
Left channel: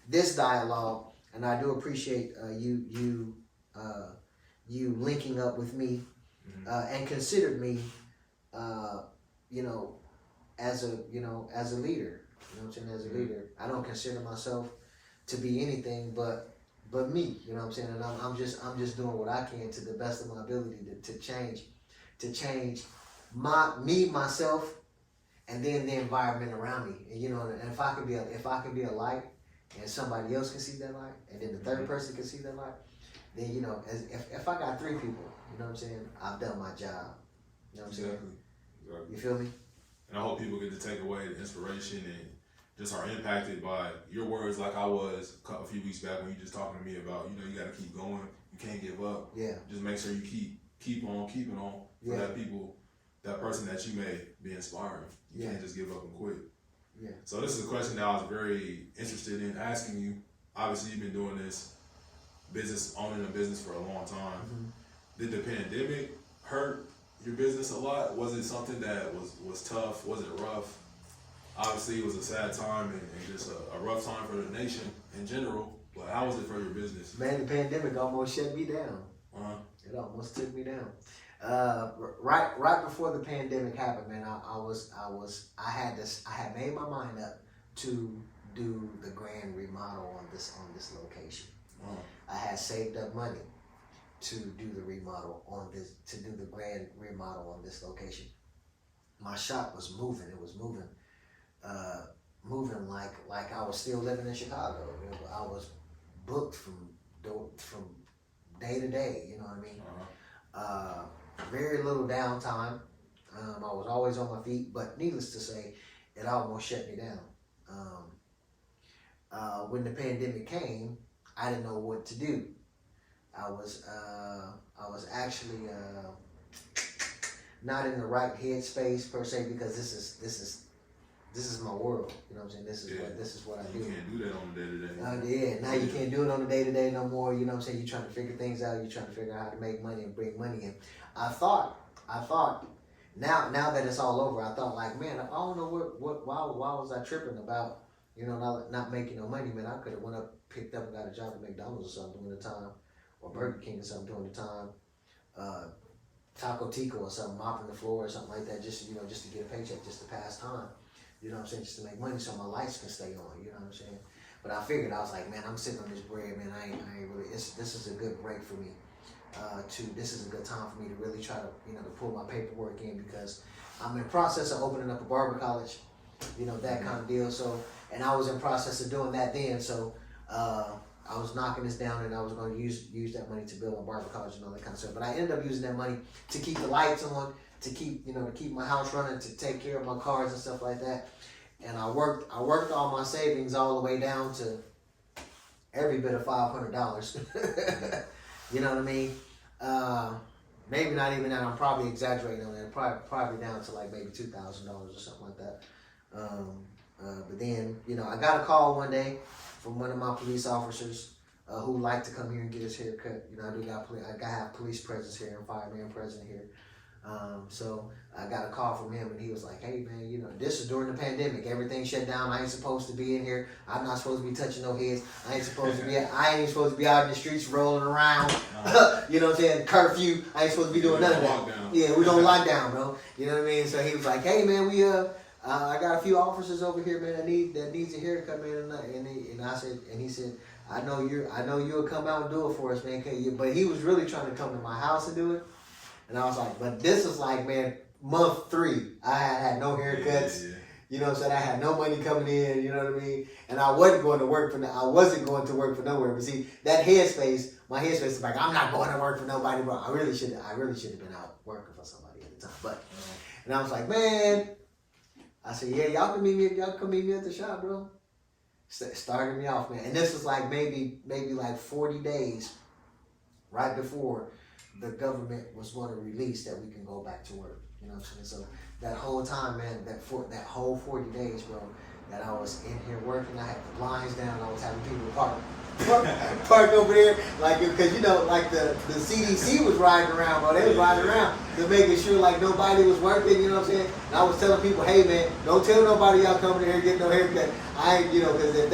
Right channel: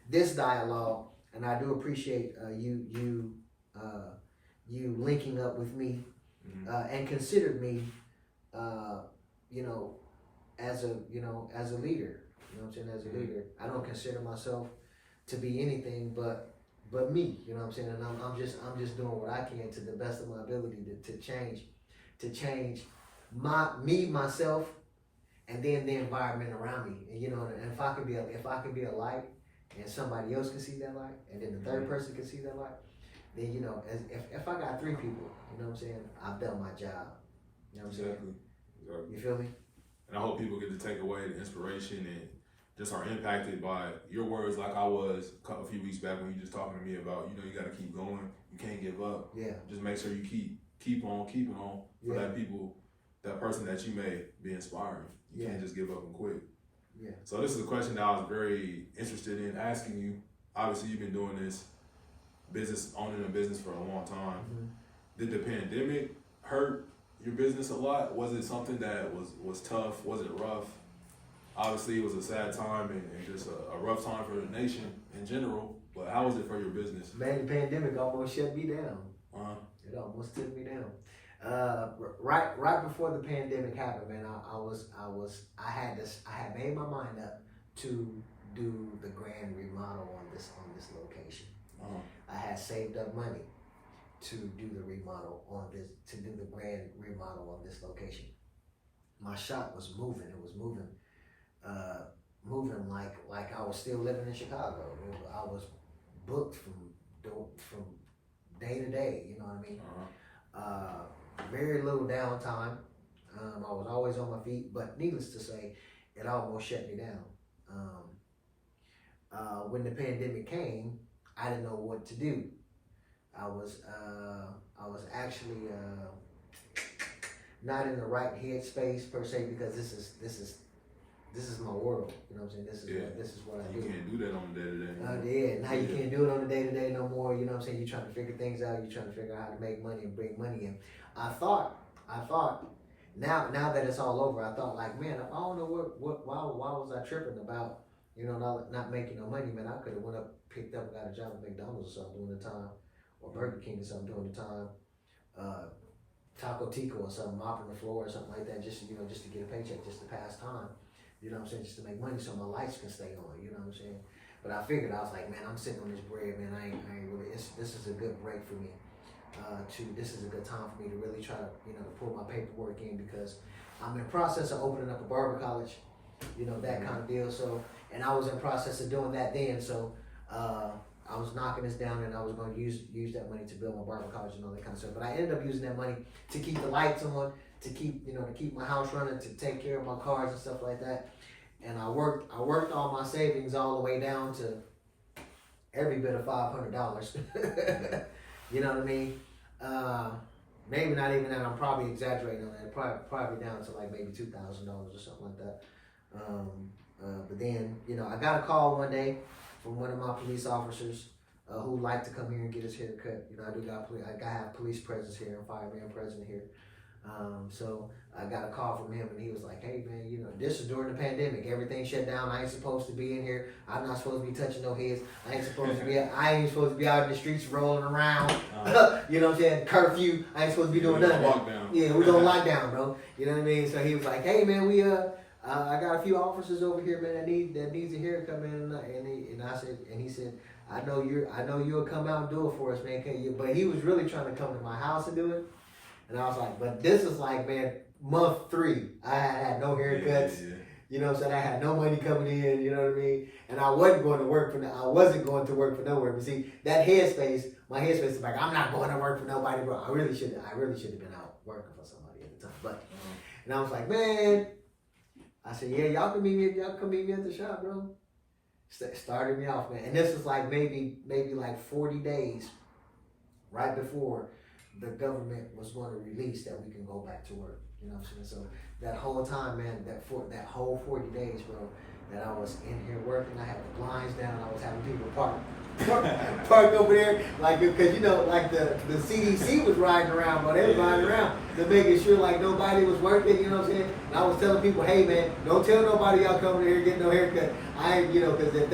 this dialogue, and I do appreciate you linking up with me and considered me, as a leader. You know what I'm saying? As a leader, I don't consider myself to be anything but me. You know what I'm saying? And I'm just doing what I can to the best of my ability to change myself, and then the environment around me. And and if I can be a light, and somebody else can see that light, and then the third person can see that light, then if I got 3 people, you know what I'm saying, I've done my job. You know what I'm saying? Exactly. You feel me? And I hope people get to take away the inspiration and just are impacted by your words, like I was a few weeks back when you just talking to me about, you got to keep going. You can't give up. Yeah. Just make sure you keep on keeping on for that person that you may be inspiring. You can't just give up and quit. Yeah. So this is a question that I was very interested in asking you. Obviously, you've been doing this owning a business for a long time. Did the pandemic hurt your business a lot? Was it something that was tough? Was it rough? Obviously, it was a sad time and just a rough time for the nation in general. But how was it for your business? Man, the pandemic almost shut me down. It almost took me down. Right before the pandemic happened, man, I had made my mind up to do the grand remodel on this location. I had saved up money to do the remodel to do the grand remodel on this location. My shop was moving. It was moving like I was still living in Chicago. I was booked from day to day. You know what I mean? Very little downtime. I was always on my feet, but needless to say, it almost shut me down. When the pandemic came, I didn't know what to do. I was actually not in the right headspace per se, because this is my world. You know what I'm saying? This is what I do. You can't do that on the day-to-day. Now you can't do it on the day-to-day no more. You know what I'm saying? You're trying to figure things out. You're trying to figure out how to make money and bring money in. I thought now that it's all over, I thought like, man, I don't know why was I tripping about, not making no money, man. I could have went up, picked up and got a job at McDonald's or something during the time, or Burger King or something during the time, Taco Tico or something, mopping the floor or something like that, just to get a paycheck, just to pass time. You know what I'm saying? Just to make money so my lights can stay on. You know what I'm saying? But I figured, I was like, man, I'm sitting on this bread, man. I ain't really. This is a good break for me. This is a good time for me to really try to, to pull my paperwork in, because I'm in the process of opening up a barber college, that kind of deal. So, and I was in process of doing that then. So I was knocking this down, and I was going to use that money to build my barber college and all that kind of stuff. But I ended up using that money to keep the lights on, to keep my house running, to take care of my cars and stuff like that. And I worked all my savings all the way down to every bit of $500. You know what I mean? Maybe not even that. I'm probably exaggerating on that. Probably down to like maybe $2,000 or something like that. But then, I got a call one day from one of my police officers who liked to come here and get his hair cut. I have police presence here and fireman present here. So I got a call from him, and he was like, "Hey man, this is during the pandemic. Everything shut down. I ain't supposed to be in here. I'm not supposed to be touching no heads. I ain't supposed to be out in the streets rolling around. You know what I'm saying? Curfew. I ain't supposed to be doing none of that. Lockdown. Yeah, we're gonna lock down, bro. You know what I mean? So he was like, "Hey man, I got a few officers over here, man, that needs a haircut, man." And he said, I know you'll come out and do it for us, man. But he was really trying to come to my house and do it. And I was like, but this is like, man, month 3. I had no haircuts. Yeah. You know what I'm saying? I had no money coming in, you know what I mean? And I wasn't going to work for nowhere. But see, my headspace is like, I'm not going to work for nobody, bro. I really should have been out working for somebody at the time. But and I was like, man, I said, yeah, y'all come meet me at the shop, bro. Started me off, man. And this was like maybe like 40 days right before the government was going to release that we can go back to work. You know what I'm saying? So that whole time, man, that whole 40 days, bro, that I was in here working, I had the blinds down. I was having people park over there, like, because like the CDC was riding around, bro. They was riding around to making sure like nobody was working. You know what I'm saying? And I was telling people, hey man, don't tell nobody y'all coming here getting no haircut. Because if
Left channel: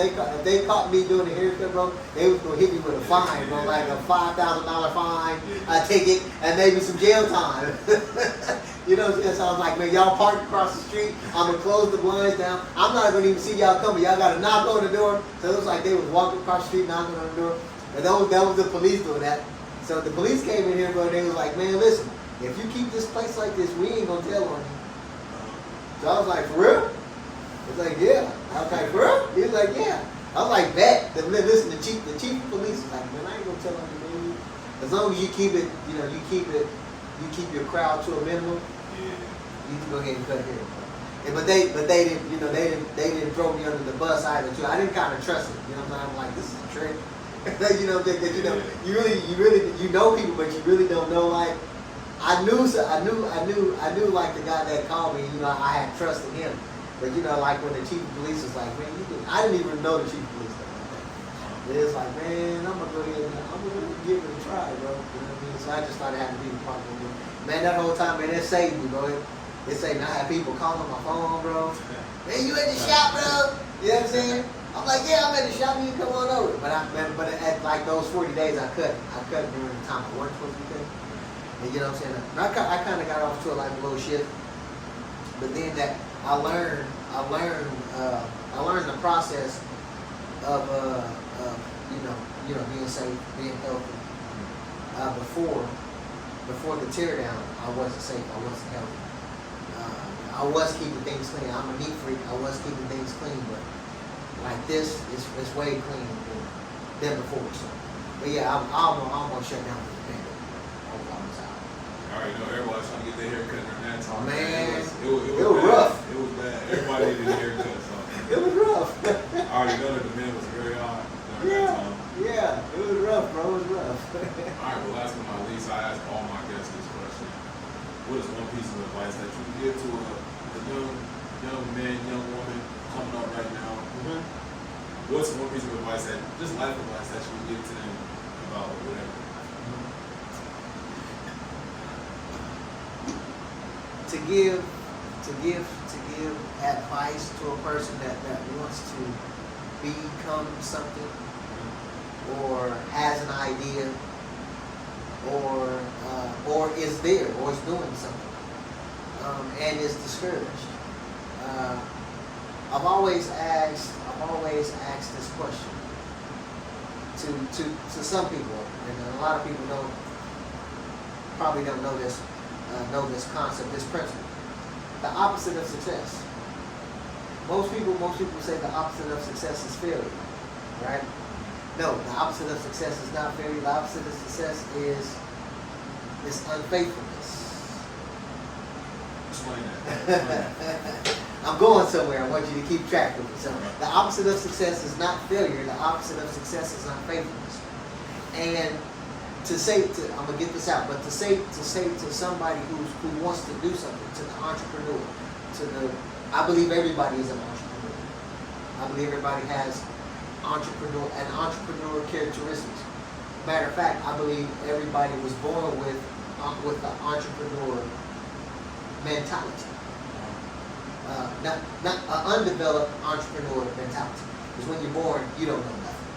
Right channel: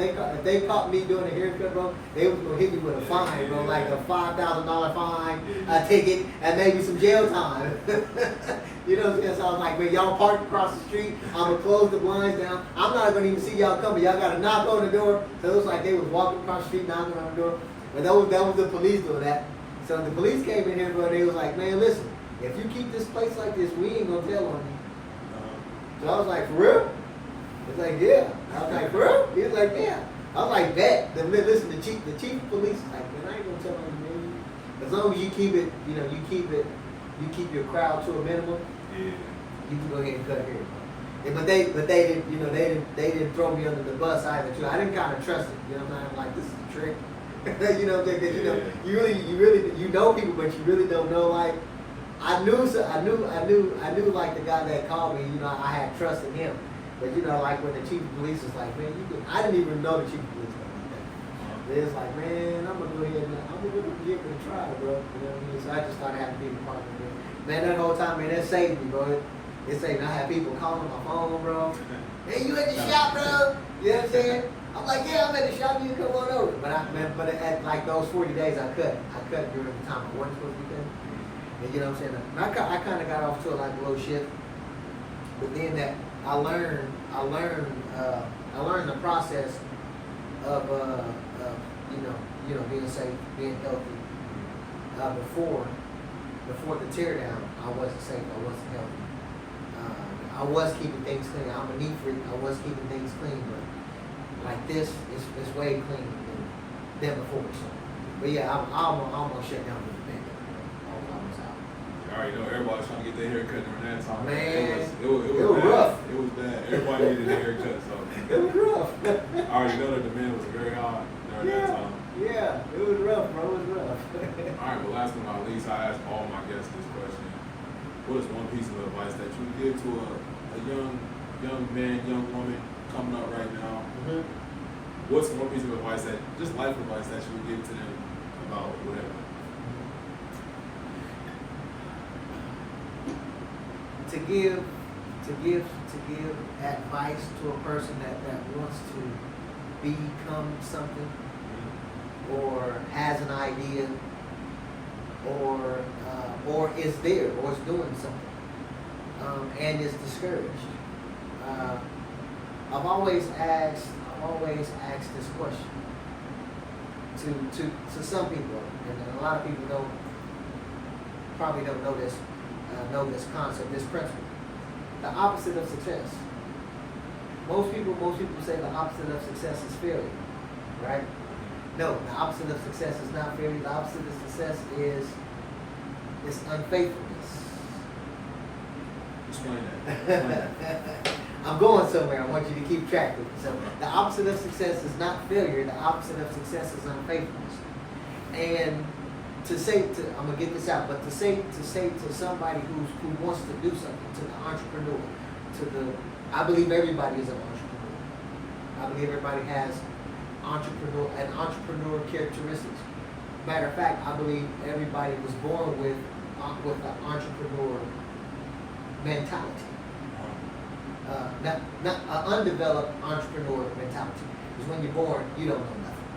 they caught me doing a haircut, bro, they was gonna hit me with a fine, bro, like a $5,000 fine, a ticket, and maybe some jail time. You know what I'm saying? So I was like, man, y'all park across the street. I'm gonna close the blinds down. I'm not gonna even see y'all coming. Y'all gotta knock on the door. So it was like they was walking across the street, knocking on the door. And that was the police doing that. So the police came in here, bro, and they was like, man, listen, if you keep this place like this, we ain't gonna tell on you. So I was like, for real? It's like, yeah. I was like, for real? He was like, yeah. I was like, bet. Listen, the chief of police is like, man, I ain't gonna tell on you, man. As long as you keep it, you keep your crowd to a minimum. Yeah. You can go ahead and cut hair. Yeah, but they didn't, they didn't throw me under the bus either too. I didn't kind of trust it. You know what I'm saying? I'm like, this is a trick. You know people, but you really don't know. Like, I knew like the guy that called me. I had trust in him. But like when the chief of police was like, man, I didn't even know the chief of police stuff like that. It was like, man, I'm gonna go ahead and give it a try, bro. You know what I mean? So I just started having people talk to me. Man, that whole time, man, that saved me, bro. It saved me. I had people calling my phone, bro. Man, you at the shop, bro? You know what I'm saying? I'm like, yeah, I'm at the shop. You can come on over. But at like those 40 days, I cut during the time I wasn't supposed to be cutting. And you know what I'm saying? I kind of got off to like a little shit. But then that I learned the process of being safe, being healthy. Before the teardown, I wasn't safe. I wasn't healthy. I was keeping things clean. I'm a neat freak. I was keeping things clean, but like this, it's way cleaner than before. So, but yeah, I'm gonna shut down for the pandemic. All was out. You already know everybody's trying to get their haircut during that time. Man, it was rough. It was bad. Everybody needed a haircut, so it was rough. I already know that the demand was very high during that time. Yeah, it was rough, bro. It was rough. All right, but last but not least, I ask all my guests this question: what is one piece of advice that you would give to a young man, young woman coming up right now? Mm-hmm. What's one piece of advice just life advice that you would give to them about whatever? To give advice to a person that wants to become something, or has an idea, or is there, or is doing something, and is discouraged. I've always asked this question to some people, and a lot of people probably don't know this concept, this principle. The opposite of success. Most people say the opposite of success is failure, right? No, the opposite of success is not failure. The opposite of success is unfaithfulness. Explain that. Explain that. I'm going somewhere. I want you to keep track with me. So the opposite of success is not failure. The opposite of success is unfaithfulness. And I'm gonna get this out, but to say to somebody who wants to do something, to the entrepreneur, I believe everybody is an entrepreneur. I believe everybody has entrepreneur characteristics. Matter of fact, I believe everybody was born with the entrepreneur mentality. Not an undeveloped entrepreneur mentality. Because when you're born, you don't know nothing.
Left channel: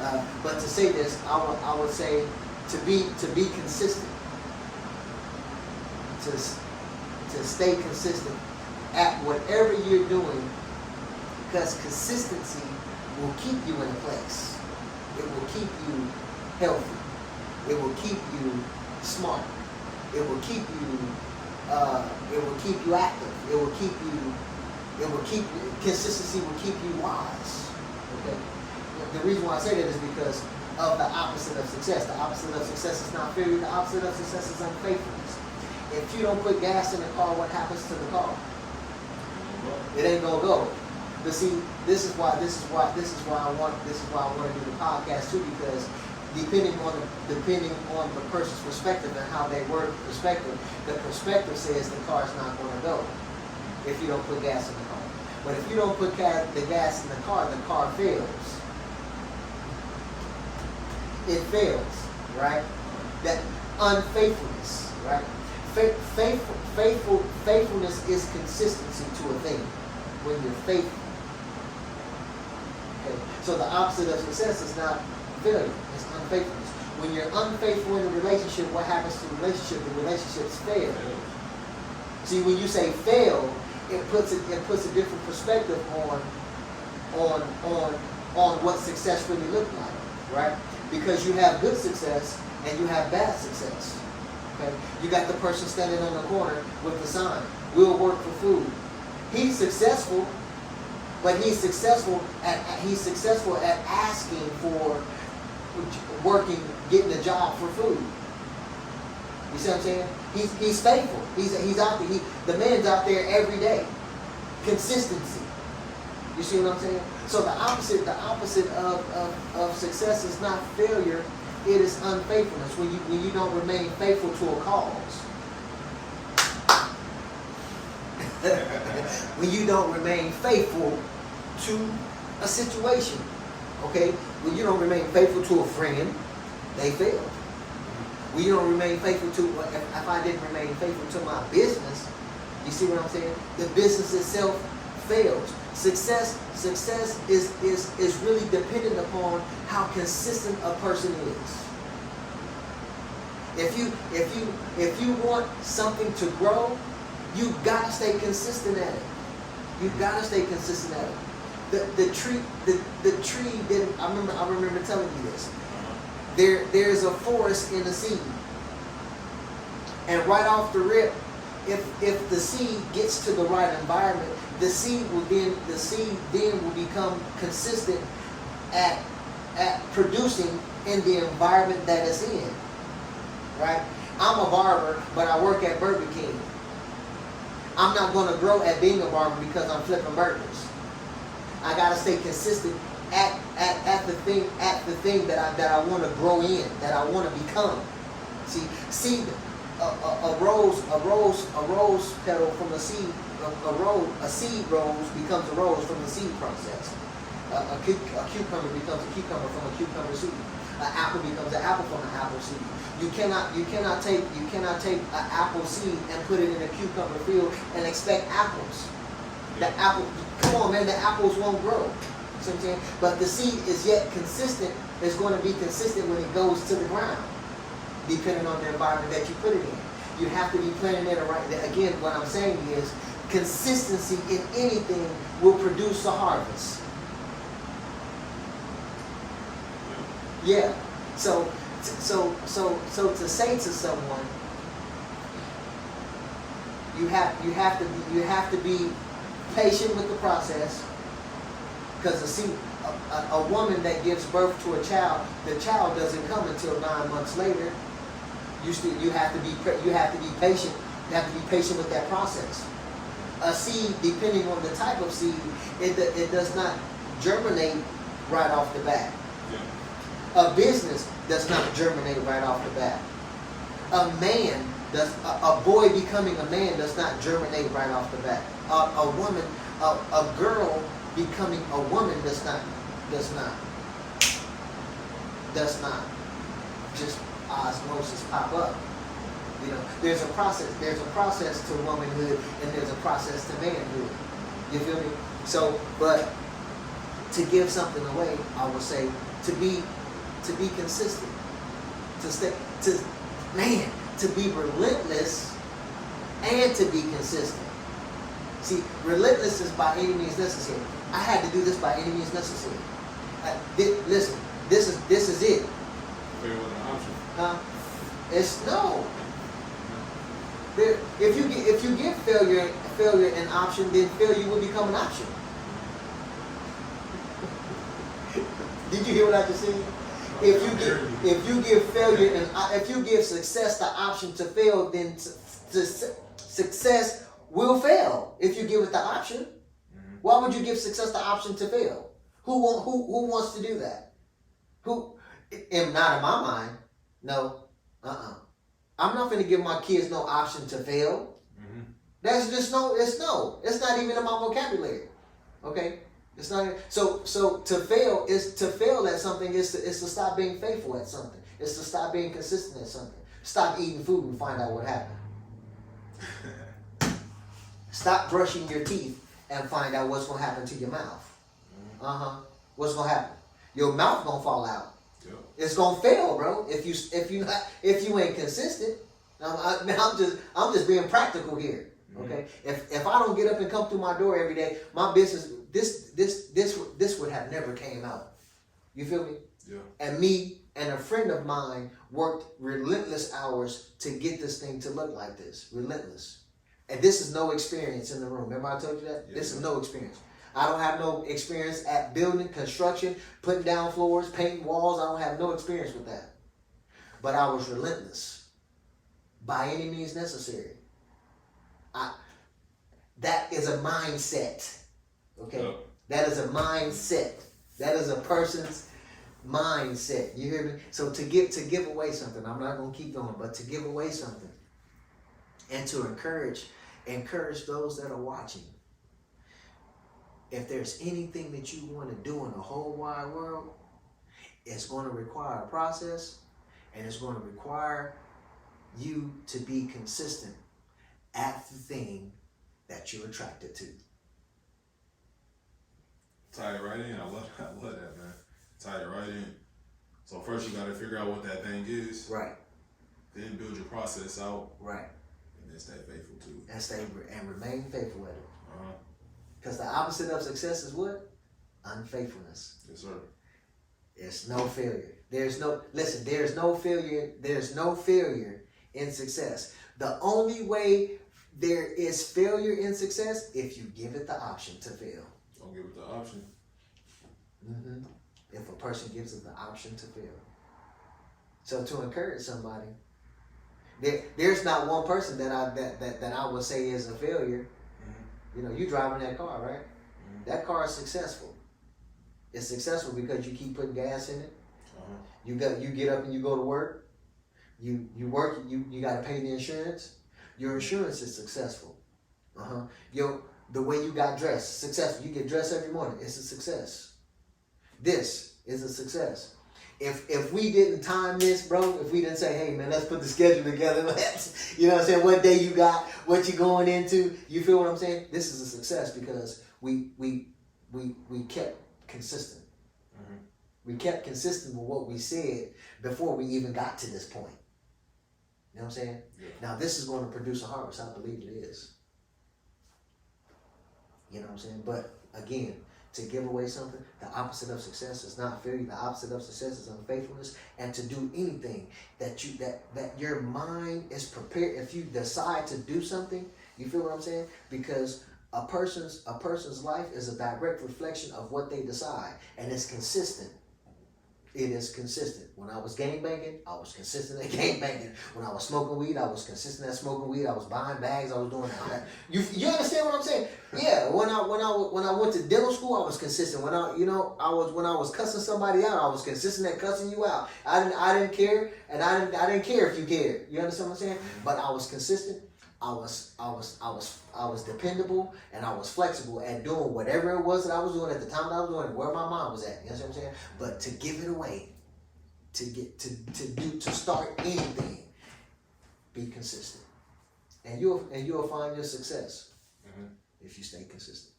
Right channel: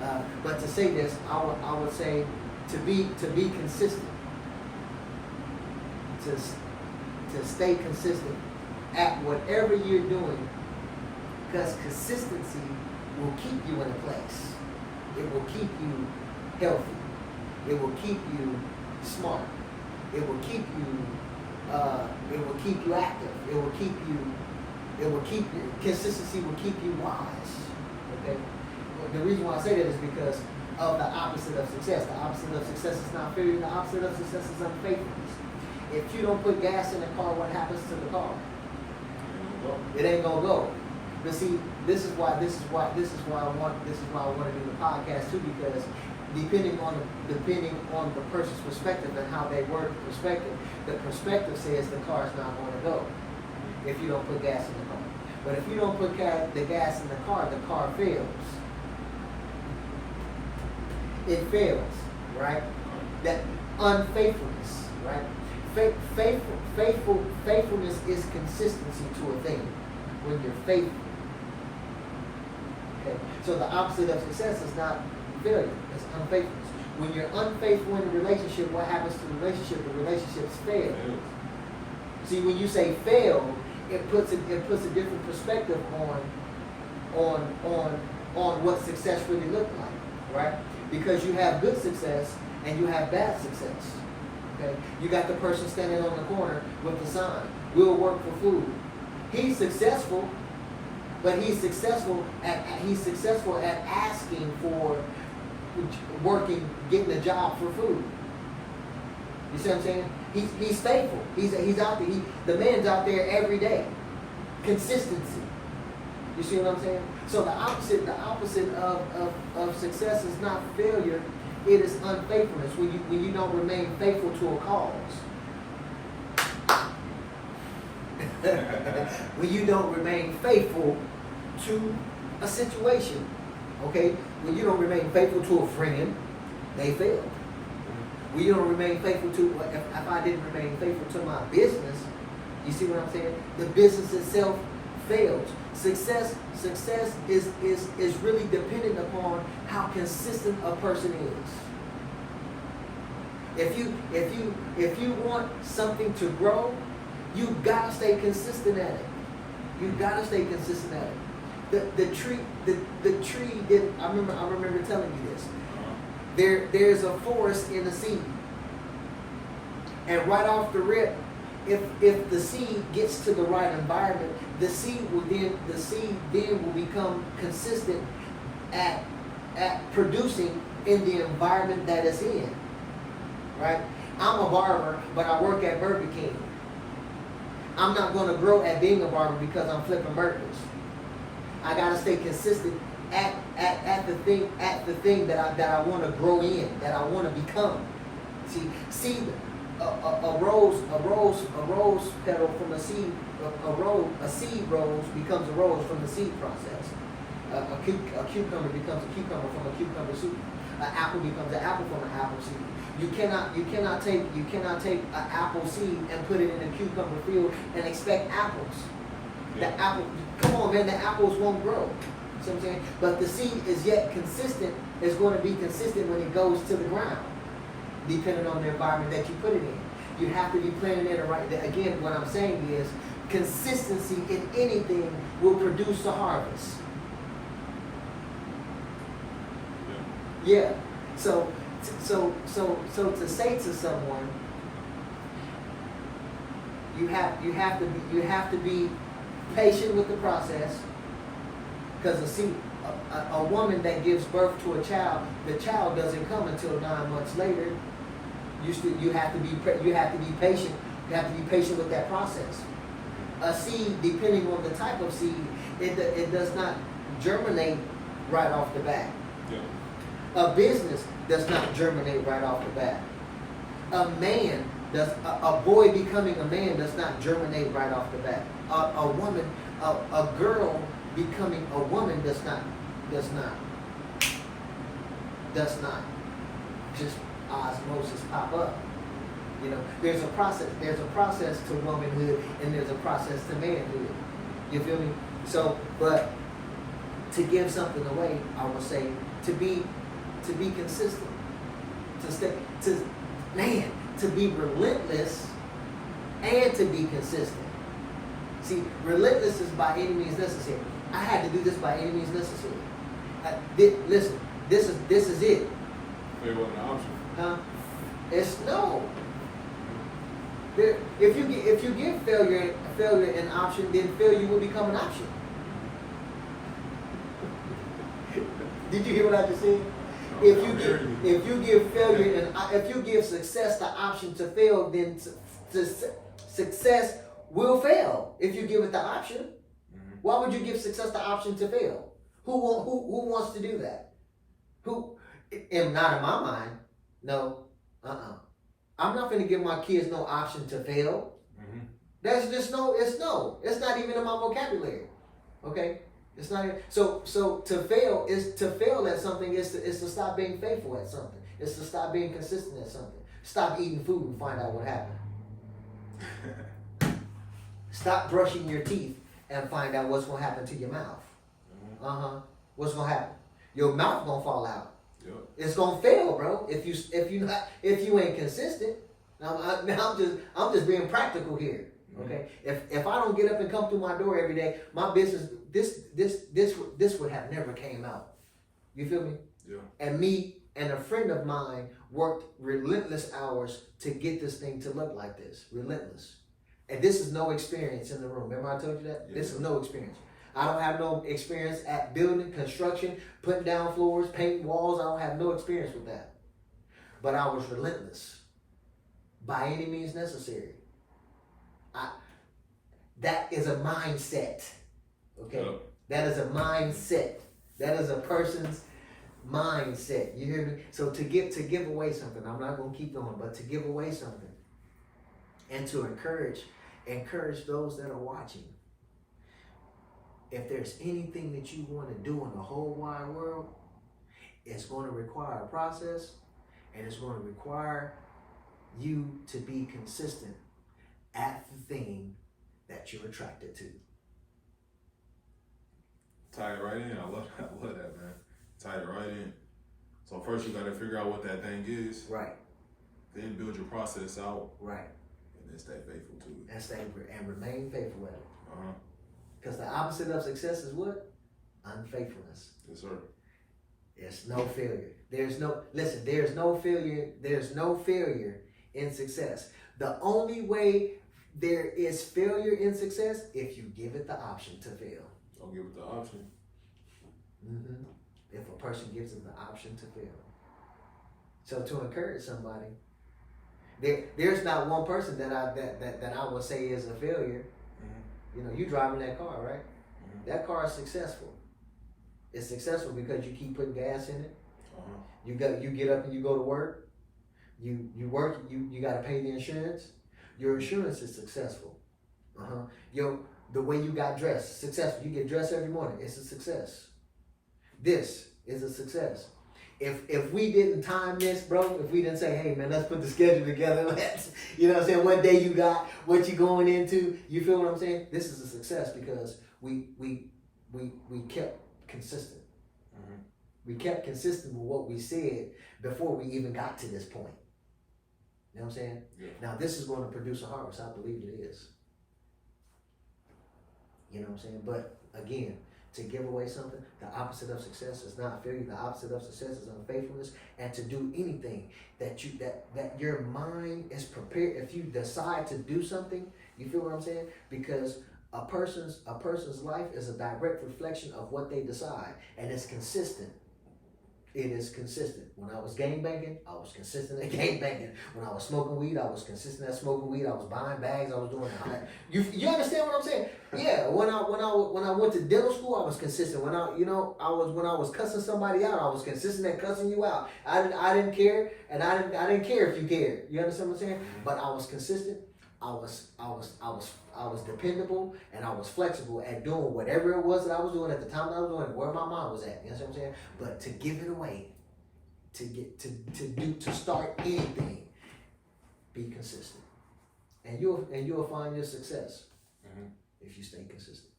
Right? But to say this, I would say to be consistent, to stay consistent at whatever you're doing, because consistency will keep you in place. It will keep you healthy. It will keep you smart. It will keep you active. Consistency will keep you wise. Okay? The reason why I say that is because of the opposite of success. The opposite of success is not failure. The opposite of success is unfaithfulness. If you don't put gas in the car, what happens to the car? It ain't gonna go. But see, this is why I want to do the podcast too, because depending on the person's perspective and how they work the perspective says the car's not going to go if you don't put gas in the car. But if you don't put the gas in the car fails. It fails, right? That unfaithfulness, right? Faithfulness is consistency to a thing. When you're faithful. Okay. So the opposite of success is not failure, it's unfaithfulness. When you're unfaithful in a relationship, what happens to the relationship? The relationships fail. See, when you say fail, it puts a different perspective on what success really looks like, right? Because you have good success and you have bad success. Okay? You got the person standing on the corner with the sign, "We'll work for food." He's successful, but he's successful at asking for working, getting a job for food. You see what I'm saying? He's faithful. He's out there. The man's out there every day. Consistency. You see what I'm saying? So the opposite of success is not failure. It is unfaithfulness. When you don't remain faithful to a cause. When you don't remain faithful to a situation, okay? When you don't remain faithful to a friend, they fail. When you don't remain faithful to, if I didn't remain faithful to my business, you see what I'm saying? The business itself fails. Success is really dependent upon how consistent a person is. If you want something to grow, you gotta stay consistent at it. You gotta stay consistent at it. The tree that I remember telling you this. There's a forest in the seed, and right off the rip, if the seed gets to the right environment, the seed then will become consistent at producing in the environment that it's in. Right? I'm a barber, but I work at Burger King. I'm not going to grow at being a barber because I'm flipping burgers. I got to stay consistent at the thing that I want to grow in, that I want to become. See, a rose petal from a seed, a seed rose becomes a rose from the seed process. A cucumber becomes a cucumber from a cucumber seed. An apple becomes an apple from an apple seed. You cannot take an apple seed and put it in a cucumber field and expect apples. The apple, come on, man, the apples won't grow. See what I'm saying? But the seed is yet consistent. Is going to be consistent when it goes to the ground, depending on the environment that you put it in. You have to be planting it right. Again, what I'm saying is consistency in anything will produce a harvest. Yeah. So to say to someone, you have to be patient with the process, because a woman that gives birth to a child, the child doesn't come until 9 months later. You have to be patient. You have to be patient with that process. A seed, depending on the type of seed, it does not germinate right off the bat. Yeah. A business does not germinate right off the bat. A boy becoming a man does not germinate right off the bat. A girl becoming a woman does not just osmosis pop up. You know, there's a process. There's a process to womanhood, and there's a process to manhood. You feel me? So, but to give something away, I would say to be consistent, to be relentless and to be consistent. See, relentless is by any means necessary. I had to do this by any means necessary. Listen, this is it. Failure wasn't an option. Huh? It's no. If you give failure an option, then failure will become an option. Did you hear what I just said? If you give failure and if you give success the option to fail, then success will fail. If you give it the option, why would you give success the option to fail? Who wants to do that? And not in my mind. No. I'm not going to give my kids no option to fail. Mm-hmm. That's just it's not even in my vocabulary. Okay? It's not. So to fail at something is to stop being faithful at something. It's to stop being consistent at something. Stop eating food and find out what happened. Stop brushing your teeth and find out what's going to happen to your mouth. Mm-hmm. What's going to happen? Your mouth going to fall out. Yep. It's going to fail, bro. If you ain't consistent. I'm just being practical here. Okay. Mm-hmm. If I don't get up and come through my door every day, my business this would have never came out. You feel me? Yeah. And me and a friend of mine worked relentless hours to get this thing to look like this. Relentless. And this is no experience in the room. Remember I told you that? Yeah. This is no experience. I don't have no experience at building, construction, putting down floors, painting walls. I don't have no experience with that. But I was relentless. By any means necessary. That is a mindset. Okay? Yep. That is a mindset. That is a person's mindset. You hear me? So to give away something, I'm not going to keep going, but to give away something and to encourage those that are watching. If there's anything that you want to do in the whole wide world, it's going to require a process, and it's going to require you to be consistent at the thing that you're attracted to. Tie it right in. I love that, man. Tie it right in. So first you got to figure out what that thing is. Right. Then build your process out. Right. And then stay faithful to it. And remain faithful at it. Uh-huh. Because the opposite of success is what? Unfaithfulness. Yes, sir. It's no failure. There's no failure. There's no failure in success. The only way there is failure in success if you give it the option to fail. Don't give it the option. Mm-hmm. If a person gives it the option to fail. So to encourage somebody, there's not one person that I would say is a failure. Mm-hmm. You know, you driving that car, right? Mm-hmm. That car is successful. It's successful because you keep putting gas in it. Uh-huh. You get up and you go to work. You work. You got to pay the insurance. Your insurance is successful. The way you got dressed, successful. You get dressed every morning. It's a success. This is a success. If we didn't time this, bro, if we didn't say, hey man, let's put the schedule together, you know what I'm saying, what day you got, what you going into, you feel what I'm saying? This is a success because we kept consistent. Mm-hmm. We kept consistent with what we said before we even got to this point. You know what I'm saying? Yeah. Now this is going to produce a harvest. I believe it is. You know what I'm saying? But again, to give away something, the opposite of success is not failure. The opposite of success is unfaithfulness. And to do anything that your mind is prepared. If you decide to do something, you feel what I'm saying? Because A person's life is a direct reflection of what they decide, and it's consistent. It is consistent. When I was gangbanging, I was consistent at gangbanging. When I was smoking weed, I was consistent at smoking weed. I was buying bags. I was doing that. You understand what I'm saying? Yeah. When I went to dental school, I was consistent. When I was cussing somebody out, I was consistent at cussing you out. I didn't care, and I didn't care if you cared. You understand what I'm saying? But I was consistent. I was dependable, and I was flexible at doing whatever it was that I was doing at the time that I was doing it, where my mind was at. You understand what I'm saying? But to give it away, to start anything, be consistent, and you'll find your success if you stay consistent.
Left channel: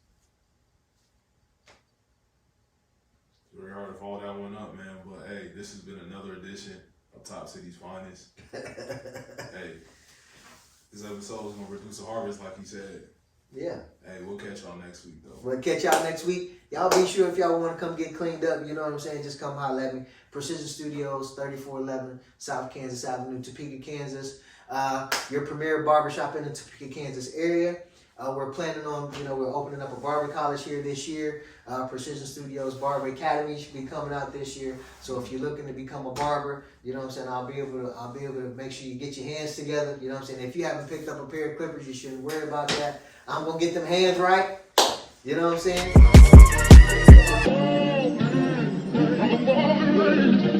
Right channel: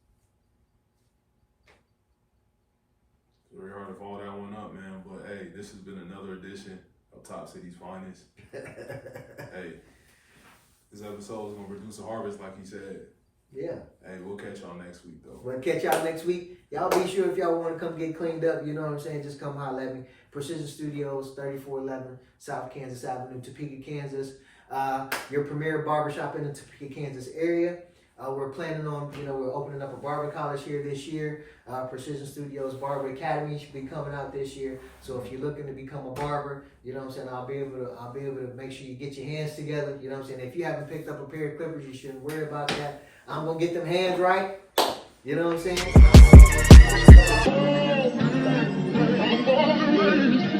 It's very hard to follow that one up, man. But hey, this has been another edition of Top City's Finest. Hey. This episode is going to produce a harvest, like he said. Yeah. Hey, we'll catch y'all next week, though. We'll catch y'all next week. Y'all be sure if y'all want to come get cleaned up, you know what I'm saying, just come holler at me. Precision Studios, 3411 South Kansas Avenue, Topeka, Kansas. Your premier barbershop in the Topeka, Kansas area. We're planning on, we're opening up a barber college here this year. Precision Studios Barber Academy should be coming out this year. So if you're looking to become a barber, you know what I'm saying, I'll be able to make sure you get your hands together. You know what I'm saying? If you haven't picked up a pair of clippers, you shouldn't worry about that. I'm gonna get them hands right. You know what I'm saying?